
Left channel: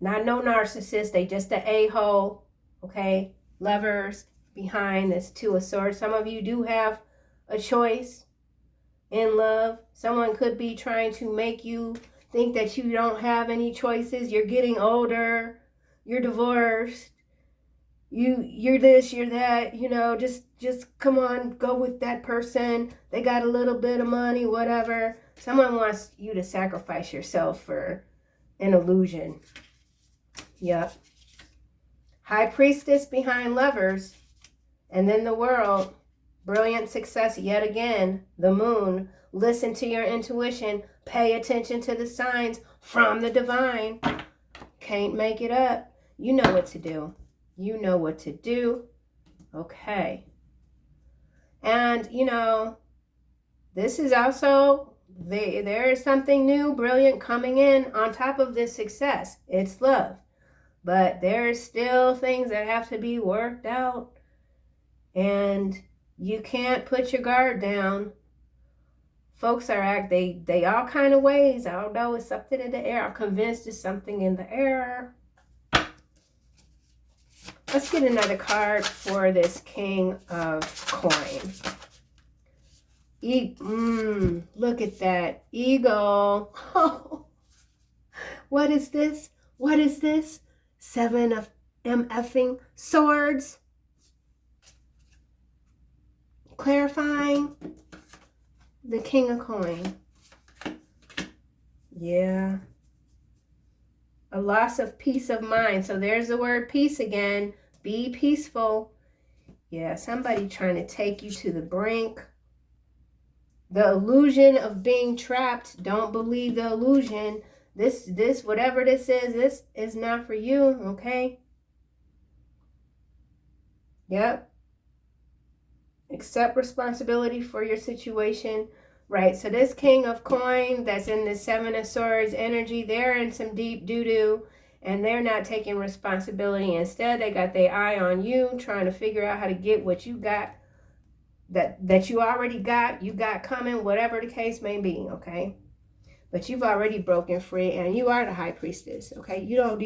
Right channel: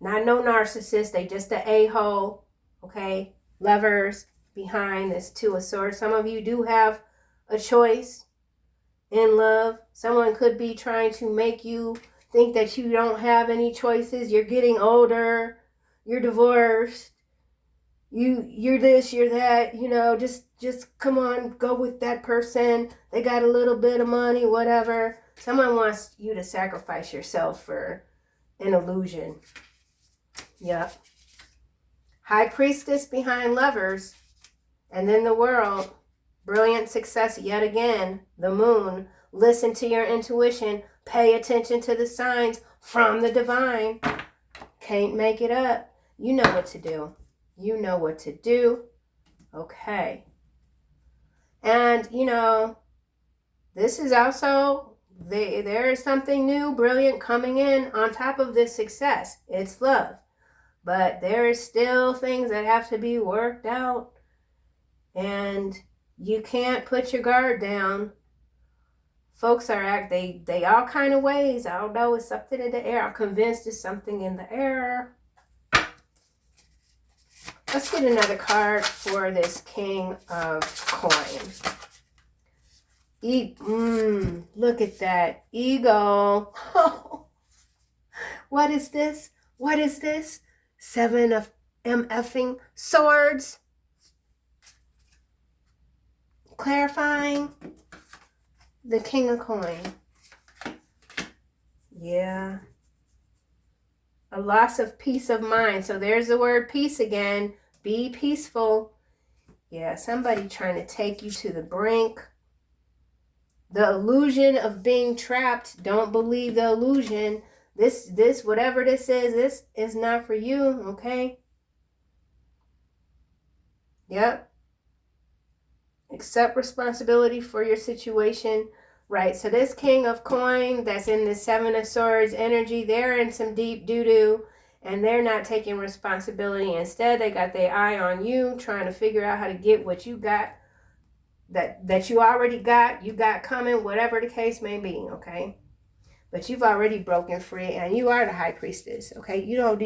Not no narcissist. They just a a-hole, okay? Lovers behind this 2 of swords. Some of you do have a choice in love. Someone could be trying to make you think that you don't have any choices. You're getting older. You're divorced. You're this, you're that, you know, just come on, go with that person. They got a little bit of money, whatever. Someone wants you to sacrifice yourself for an illusion. Yep. High priestess behind lovers. And then the world. Brilliant success yet again. The moon. Listen to your intuition. Pay attention to the signs from the divine. Can't make it up. You know what to do. You know what to do. Okay. And, you know, this is also, there is something new, brilliant coming in on top of this success. It's love. But there is still things that have to be worked out. And you can't put your guard down. Folks are they all kind of ways. I don't know, it's something in the air. I'm convinced it's something in the air. Let's get another card for this king of coin. Look at that. Ego. Oh, what is this? What is this? 7 of MFing swords. Clarifying the king of coin. Yeah. A loss of peace of mind. So there's the word peace again. Be peaceful. Yeah, somebody trying to take you to the brink. The illusion of being trapped. Don't believe the illusion. This, whatever this is not for you, okay? Yep. Accept responsibility for your situation. Right, so this king of coin that's in the 7 of swords energy, they're in some deep doo-doo and they're not taking responsibility. Instead, they got their eye on you, trying to figure out how to get what you got, that you already got, you got coming, whatever the case may be, okay? But you've already broken free and you are the high priestess, okay? You don't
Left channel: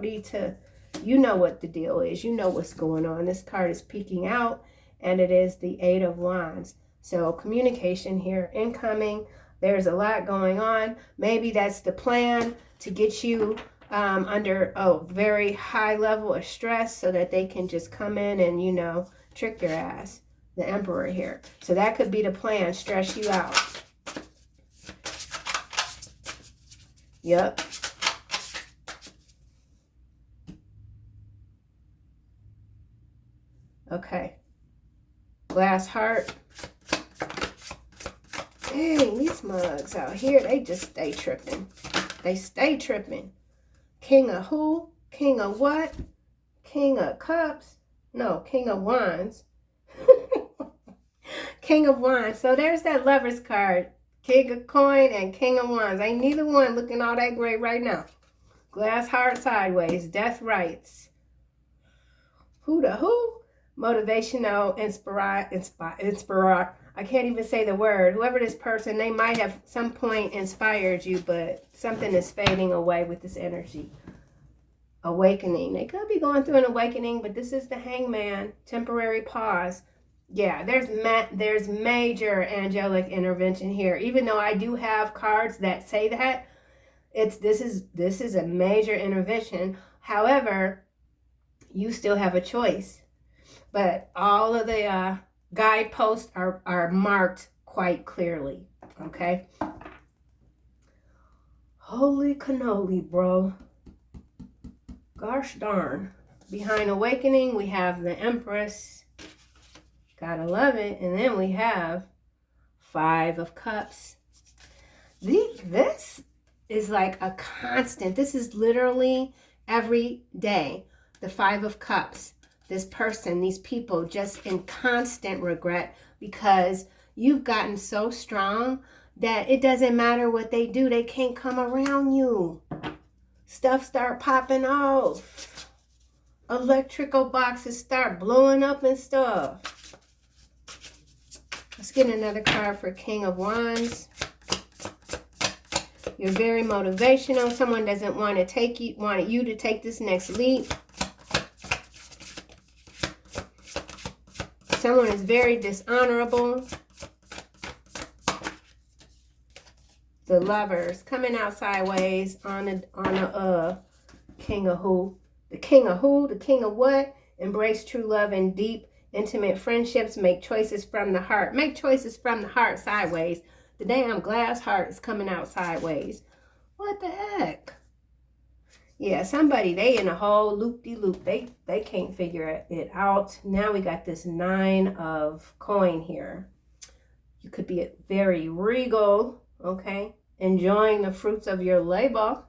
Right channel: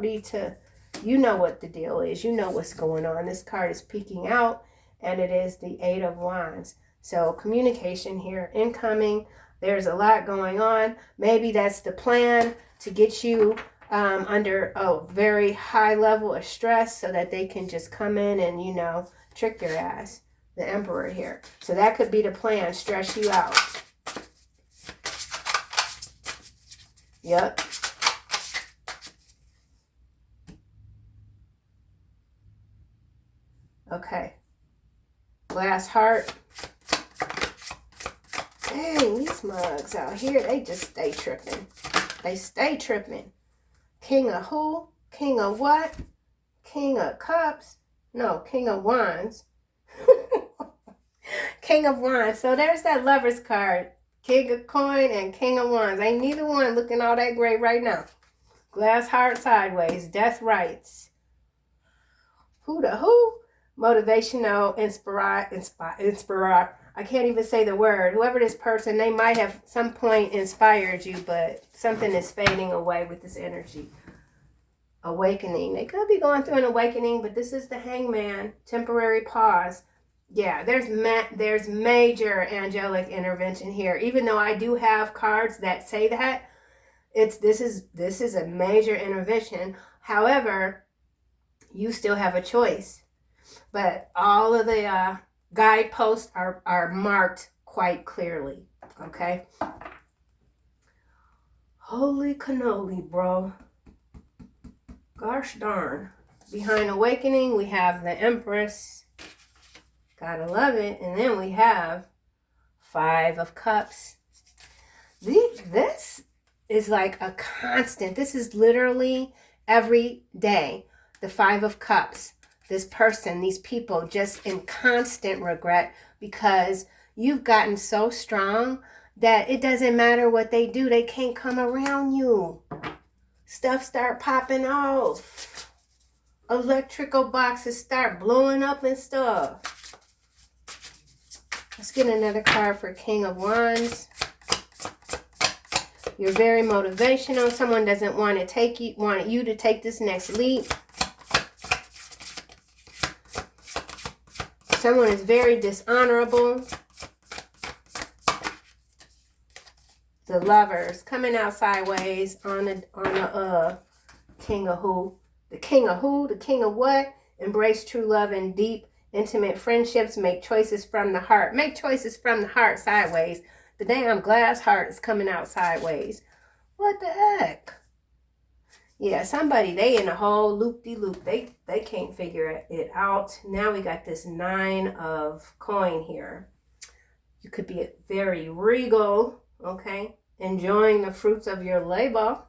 need to, you know what the deal is. You know what's going on. This card is peeking out and it is the 8 of Wands. So communication here, incoming. There's a lot going on. Maybe that's the plan to get you under a very high level of stress so that they can just come in and, you know, trick your ass. The Emperor here. So that could be the plan. Stress you out. Yep. Okay. Glass heart. Dang, these mugs out here, they just stay tripping. They stay tripping. King of who? King of what? King of cups? No, King of wands. King of wands. So there's that Lover's card. King of coin and King of wands. Ain't neither one looking all that great right now. Glass heart sideways. Death rights. Who the who? Motivational, inspire. I can't even say the word. Whoever this person, they might have some point inspired you, but something is fading away with this energy. Awakening. They could be going through an awakening, but this is the Hangman. Temporary pause. Yeah, there's major angelic intervention here. Even though I do have cards that say that, this is a major intervention. However, you still have a choice. But all of the guideposts are marked quite clearly. Okay. Holy cannoli, bro. Gosh darn. Behind awakening, we have the Empress. Gotta love it. And then we have 5 of Cups. This is like a constant. This is literally every day. The 5 of Cups. This person, these people, just in constant regret because you've gotten so strong that it doesn't matter what they do. They can't come around you. Stuff start popping off. Electrical boxes start blowing up and stuff. Let's get another card for King of Wands. You're very motivational. Someone doesn't want you to take this next leap. Someone is very dishonorable. The Lovers coming out sideways on a King of who? The King of who? The King of what? Embrace true love and deep, intimate friendships. Make choices from the heart. Make choices from the heart sideways. The damn glass heart is coming out sideways. What the heck? Yeah, somebody, they in a whole loop-de-loop. They can't figure it out. Now we got this 9 of coin here. You could be very regal, okay? Enjoying the fruits of your labor.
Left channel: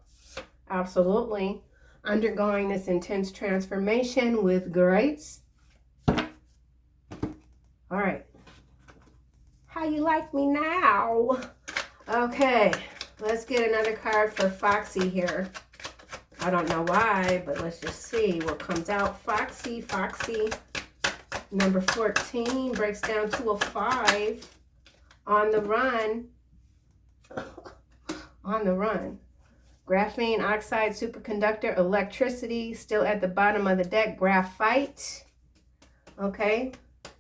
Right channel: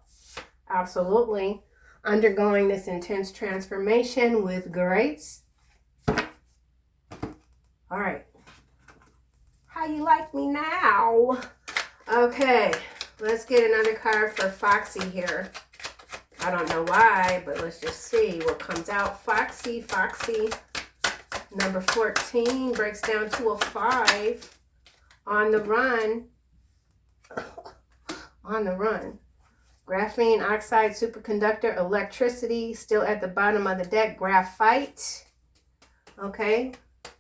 Absolutely. Undergoing this intense transformation with grace. All right. How you like me now? Okay, let's get another card for Foxy here. I don't know why, but let's just see what comes out. Foxy. Number 14 breaks down to a 5. On the run. On the run. Graphene oxide, superconductor, electricity, still at the bottom of the deck. Graphite. Okay.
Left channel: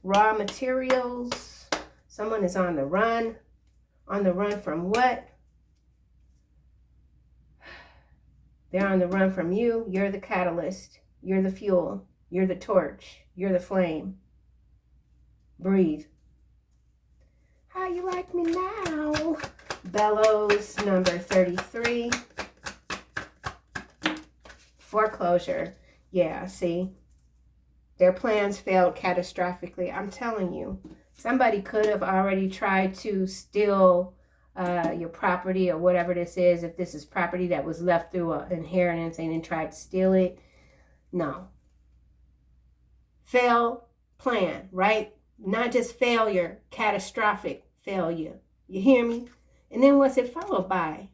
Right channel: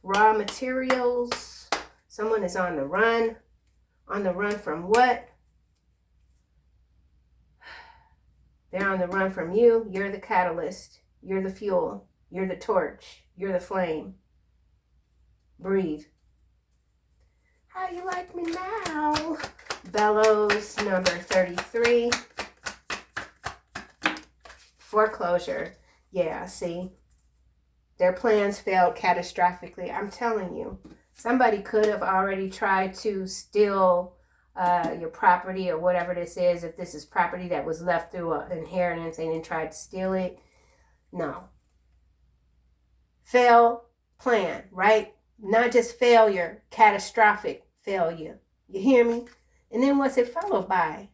Raw materials. Someone is on the run. On the run from what? They're on the run from you. You're the catalyst. You're the fuel. You're the torch. You're the flame. Breathe. How you like me now? Bellows, number 33. Foreclosure. Yeah, see? Their plans failed catastrophically. I'm telling you. Somebody could have already tried to steal your property or whatever this is. If this is property that was left through an inheritance and then tried to steal it. No. Fail plan, right? Not just failure, catastrophic failure. You hear me? And then what's it followed by?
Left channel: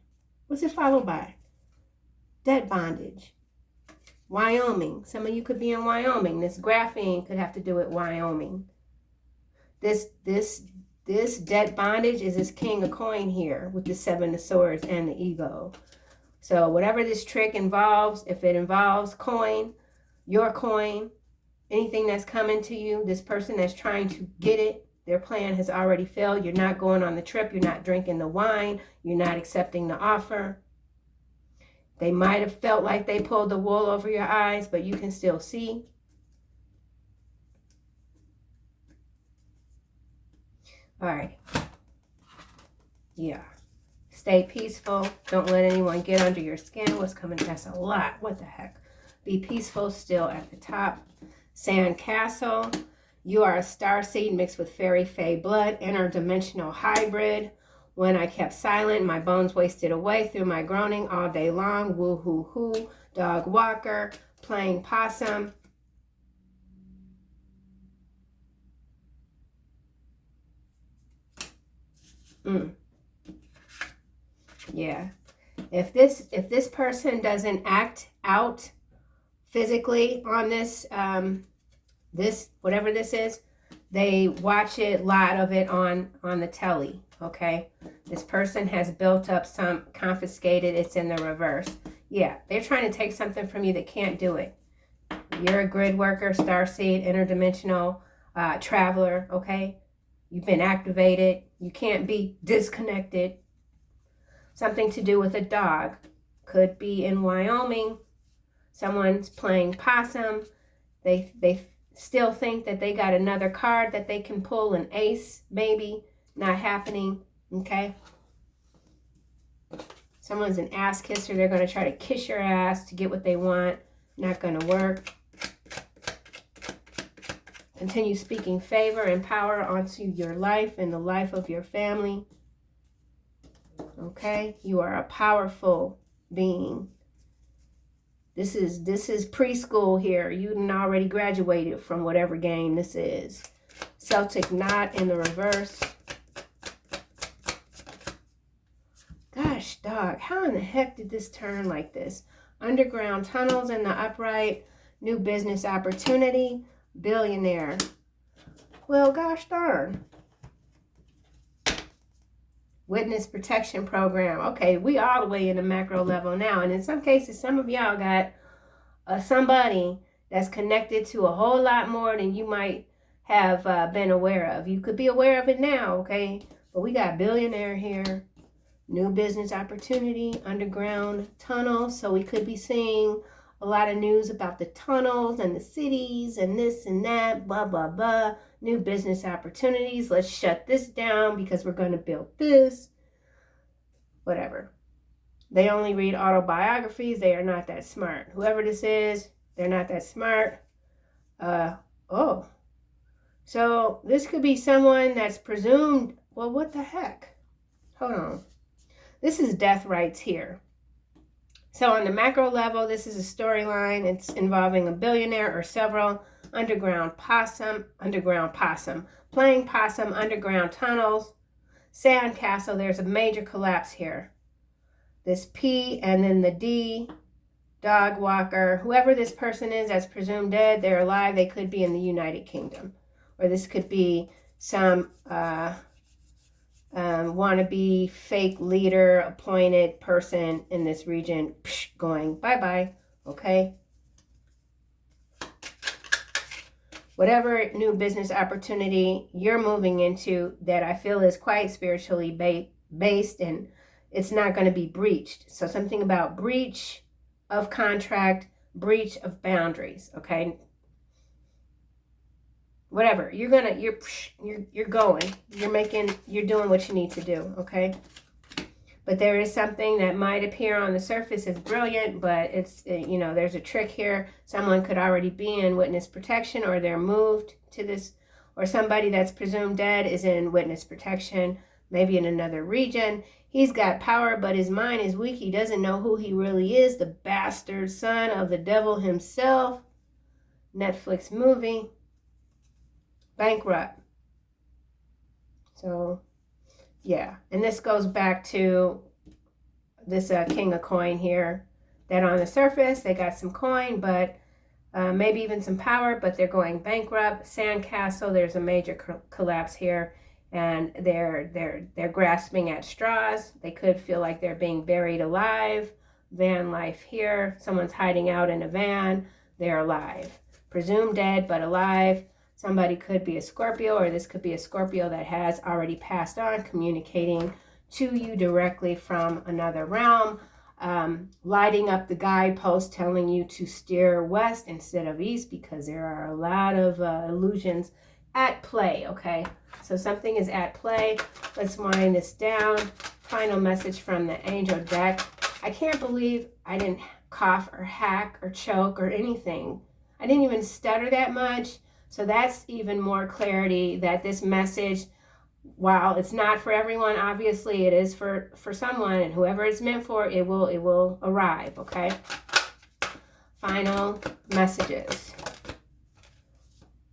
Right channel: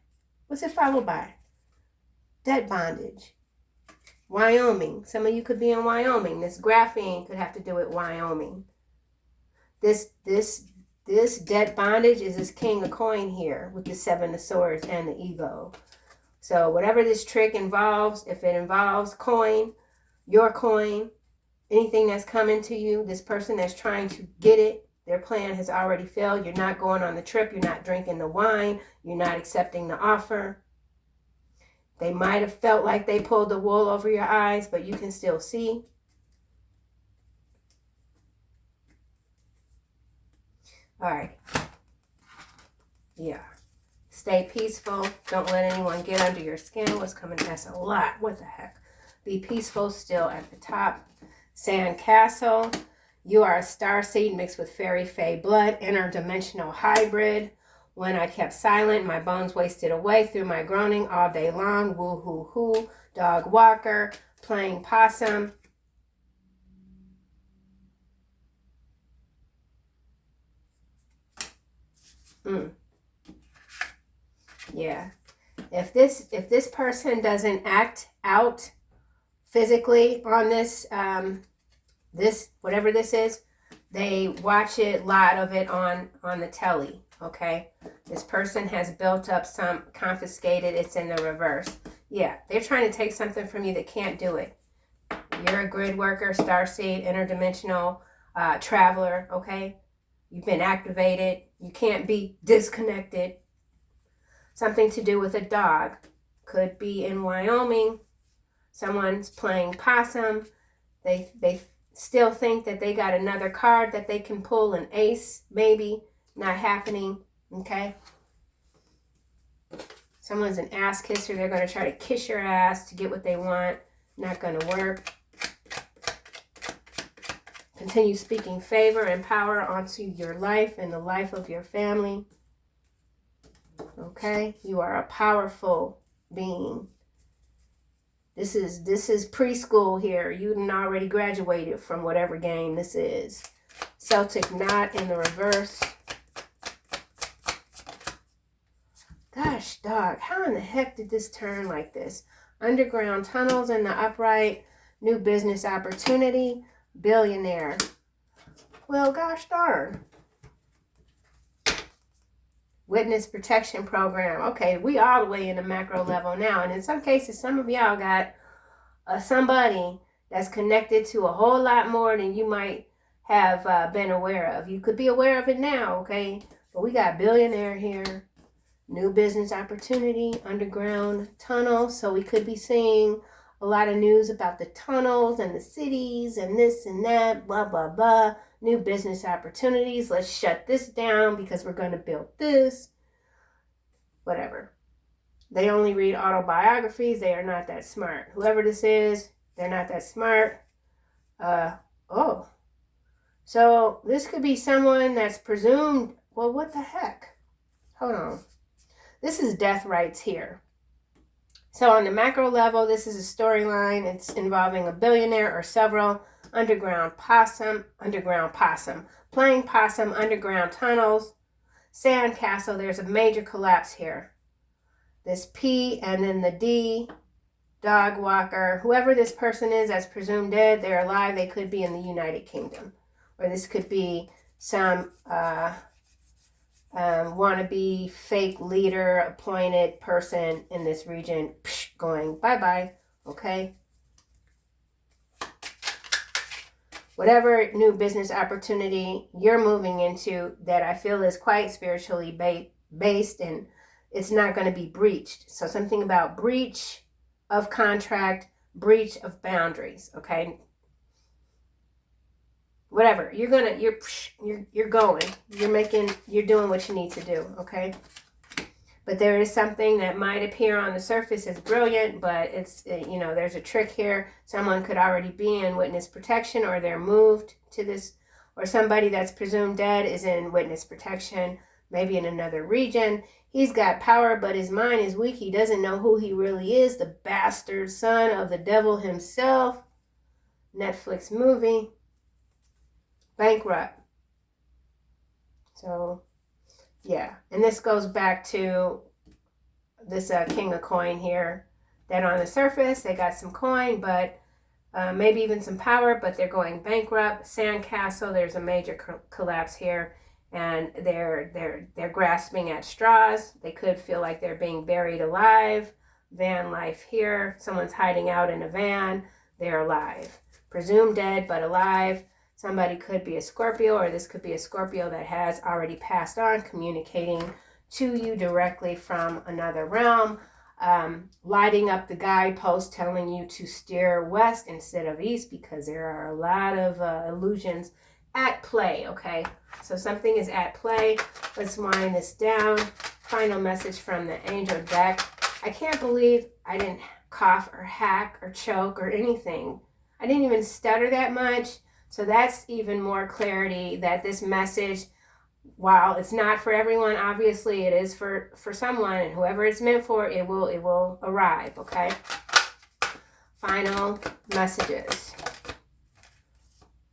What's it followed by? Debt bondage. Wyoming. Some of you could be in Wyoming. This graphene could have to do with Wyoming. This debt bondage is this King of Coin here with the 7 of Swords and the ego. So whatever this trick involves, if it involves coin, your coin, anything that's coming to you, this person that's trying to get it, their plan has already failed. You're not going on the trip. You're not drinking the wine. You're not accepting the offer. They might have felt like they pulled the wool over your eyes, but you can still see. All right. Yeah. Stay peaceful. Don't let anyone get under your skin. What's coming? That's a lot. What the heck? Be peaceful still at the top. Sand Castle. You are a star seed mixed with fairy fae blood. Interdimensional hybrid. When I kept silent, my bones wasted away through my groaning all day long. Woo hoo hoo. Dog walker. Playing possum. Yeah. If this person doesn't act out physically on this this whatever this is, they watch a lot of it on the telly. Okay, this person has built up some confiscated. It's in the reverse. Yeah, they're trying to take something from you that can't do it. You're a grid worker, starseed, interdimensional traveler. Okay, you've been activated. You can't be disconnected. Something to do with a dog. Could be in Wyoming. Someone's playing possum. They still think that they got another card that they can pull, an ace, maybe. Not happening. Okay. Someone's an ass kisser. They're going to try to kiss your ass to get what they want. Not going to work. Continue speaking favor and power onto your life and the life of your family. Okay, you are a powerful being. This is preschool here. You done already graduated from whatever game this is. Celtic knot in the reverse. Gosh, dog, how in the heck did this turn like this? Underground tunnels in the upright. New business opportunity. Billionaire. Well, gosh darn. Witness protection program. Okay, we all the way in the macro level now. And in some cases, some of y'all got somebody that's connected to a whole lot more than you might have been aware of. You could be aware of it now, okay? But we got billionaire here. New business opportunity. Underground tunnel. So we could be seeing a lot of news about the tunnels and the cities and this and that. Blah, blah, blah. New business opportunities. Let's shut this down because we're going to build this. Whatever. They only read autobiographies. They are not that smart. Whoever this is, they're not that smart. Oh. So this could be someone that's presumed. Well, what the heck? Hold on. This is death rights here. So on the macro level, this is a storyline. It's involving a billionaire or several. Underground possum, playing possum, underground tunnels, sand castle. There's a major collapse here. This P and then the D, dog walker. Whoever this person is that's presumed dead, they're alive. They could be in the United Kingdom. Or this could be some wannabe fake leader, appointed person in this region going bye-bye, okay? Whatever new business opportunity you're moving into that I feel is quite spiritually based and it's not going to be breached. So something about breach of contract, breach of boundaries, okay? Whatever, you're going, you're doing what you need to do, okay? But there is something that might appear on the surface as brilliant, but it's, there's a trick here. Someone could already be in witness protection or they're moved to this, or somebody that's presumed dead is in witness protection, maybe in another region. He's got power, but his mind is weak. He doesn't know who he really is, the bastard son of the devil himself. Netflix movie. Bankrupt. So, yeah. And this goes back to this king of coin here. That on the surface, they got some coin, but maybe even some power, but they're going bankrupt. Sandcastle, there's a major collapse here. And they're grasping at straws. They could feel like they're being buried alive. Van life here. Someone's hiding out in a van. They're alive. Presumed dead, but alive. Somebody could be a Scorpio, or this could be a Scorpio that has already passed on, communicating to you directly from another realm, lighting up the guidepost, telling you to steer west instead of east, because there are a lot of illusions at play, okay? So something is at play. Let's wind this down. Final message from the angel deck. I can't believe I didn't cough or hack or choke or anything. I didn't even stutter that much. So that's even more clarity that this message, while it's not for everyone, obviously it is for someone, and whoever it's meant for, it will arrive, okay? Final messages.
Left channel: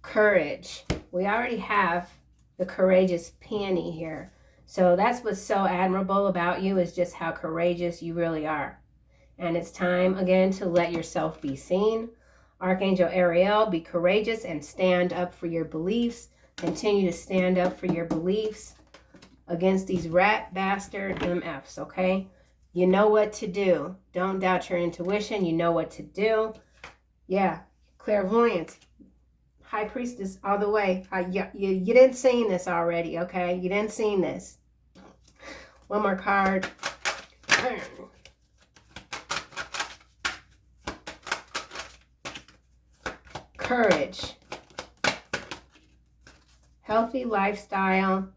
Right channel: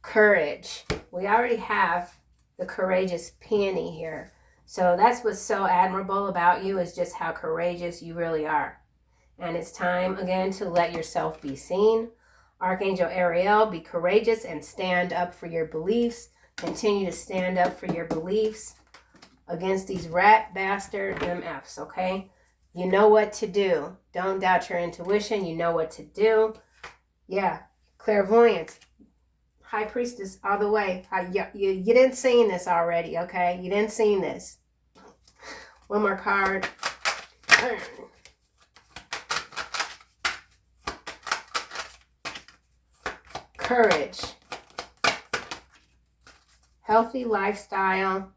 Courage. We already have the courageous peony here. So that's what's so admirable about you, is just how courageous you really are. And it's time again to let yourself be seen. Archangel Ariel, be courageous and stand up for your beliefs. Continue to stand up for your beliefs against these rat bastard MFs, okay? You know what to do. Don't doubt your intuition. You know what to do. Yeah, clairvoyance. High Priestess all the way. You didn't seen this already, okay? You didn't seen this. One more card. Courage. Healthy lifestyle.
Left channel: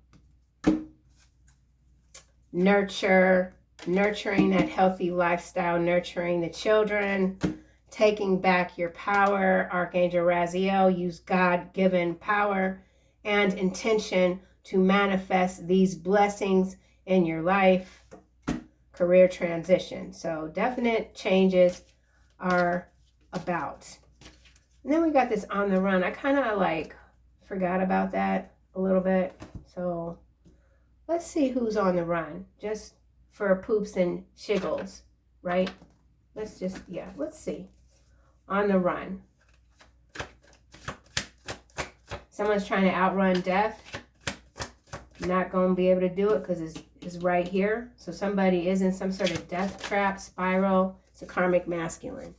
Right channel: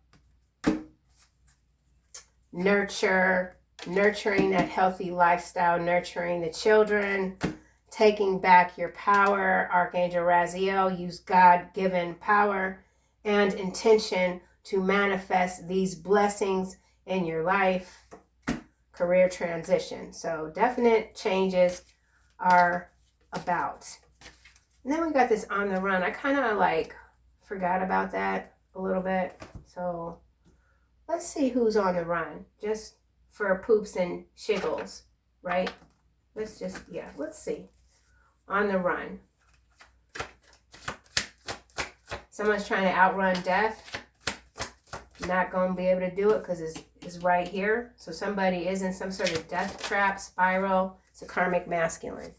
Nurturing that healthy lifestyle, nurturing the children, taking back your power. Archangel Raziel, use God-given power and intention to manifest these blessings in your life. Career transition. So definite changes are about. And then we got this on the run. I kind of like forgot about that a little bit. So let's see who's on the run, just for poops and shiggles, right? Let's see. On the run. Someone's trying to outrun death. Not going to be able to do it because it's right here. So somebody is in some sort of death trap, spiral. It's a karmic masculine.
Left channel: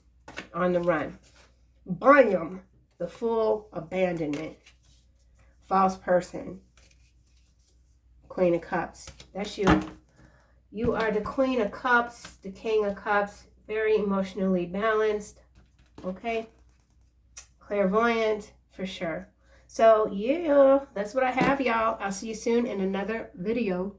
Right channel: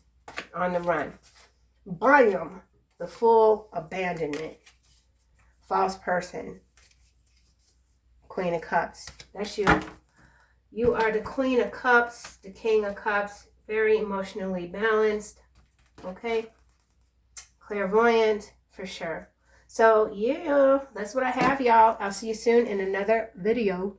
On the run. Bam! The full abandonment. False person. Queen of Cups. That's you. You are the Queen of Cups, the King of Cups. Very emotionally balanced. Okay? Clairvoyant, for sure. So, yeah, that's what I have, y'all. I'll see you soon in another video.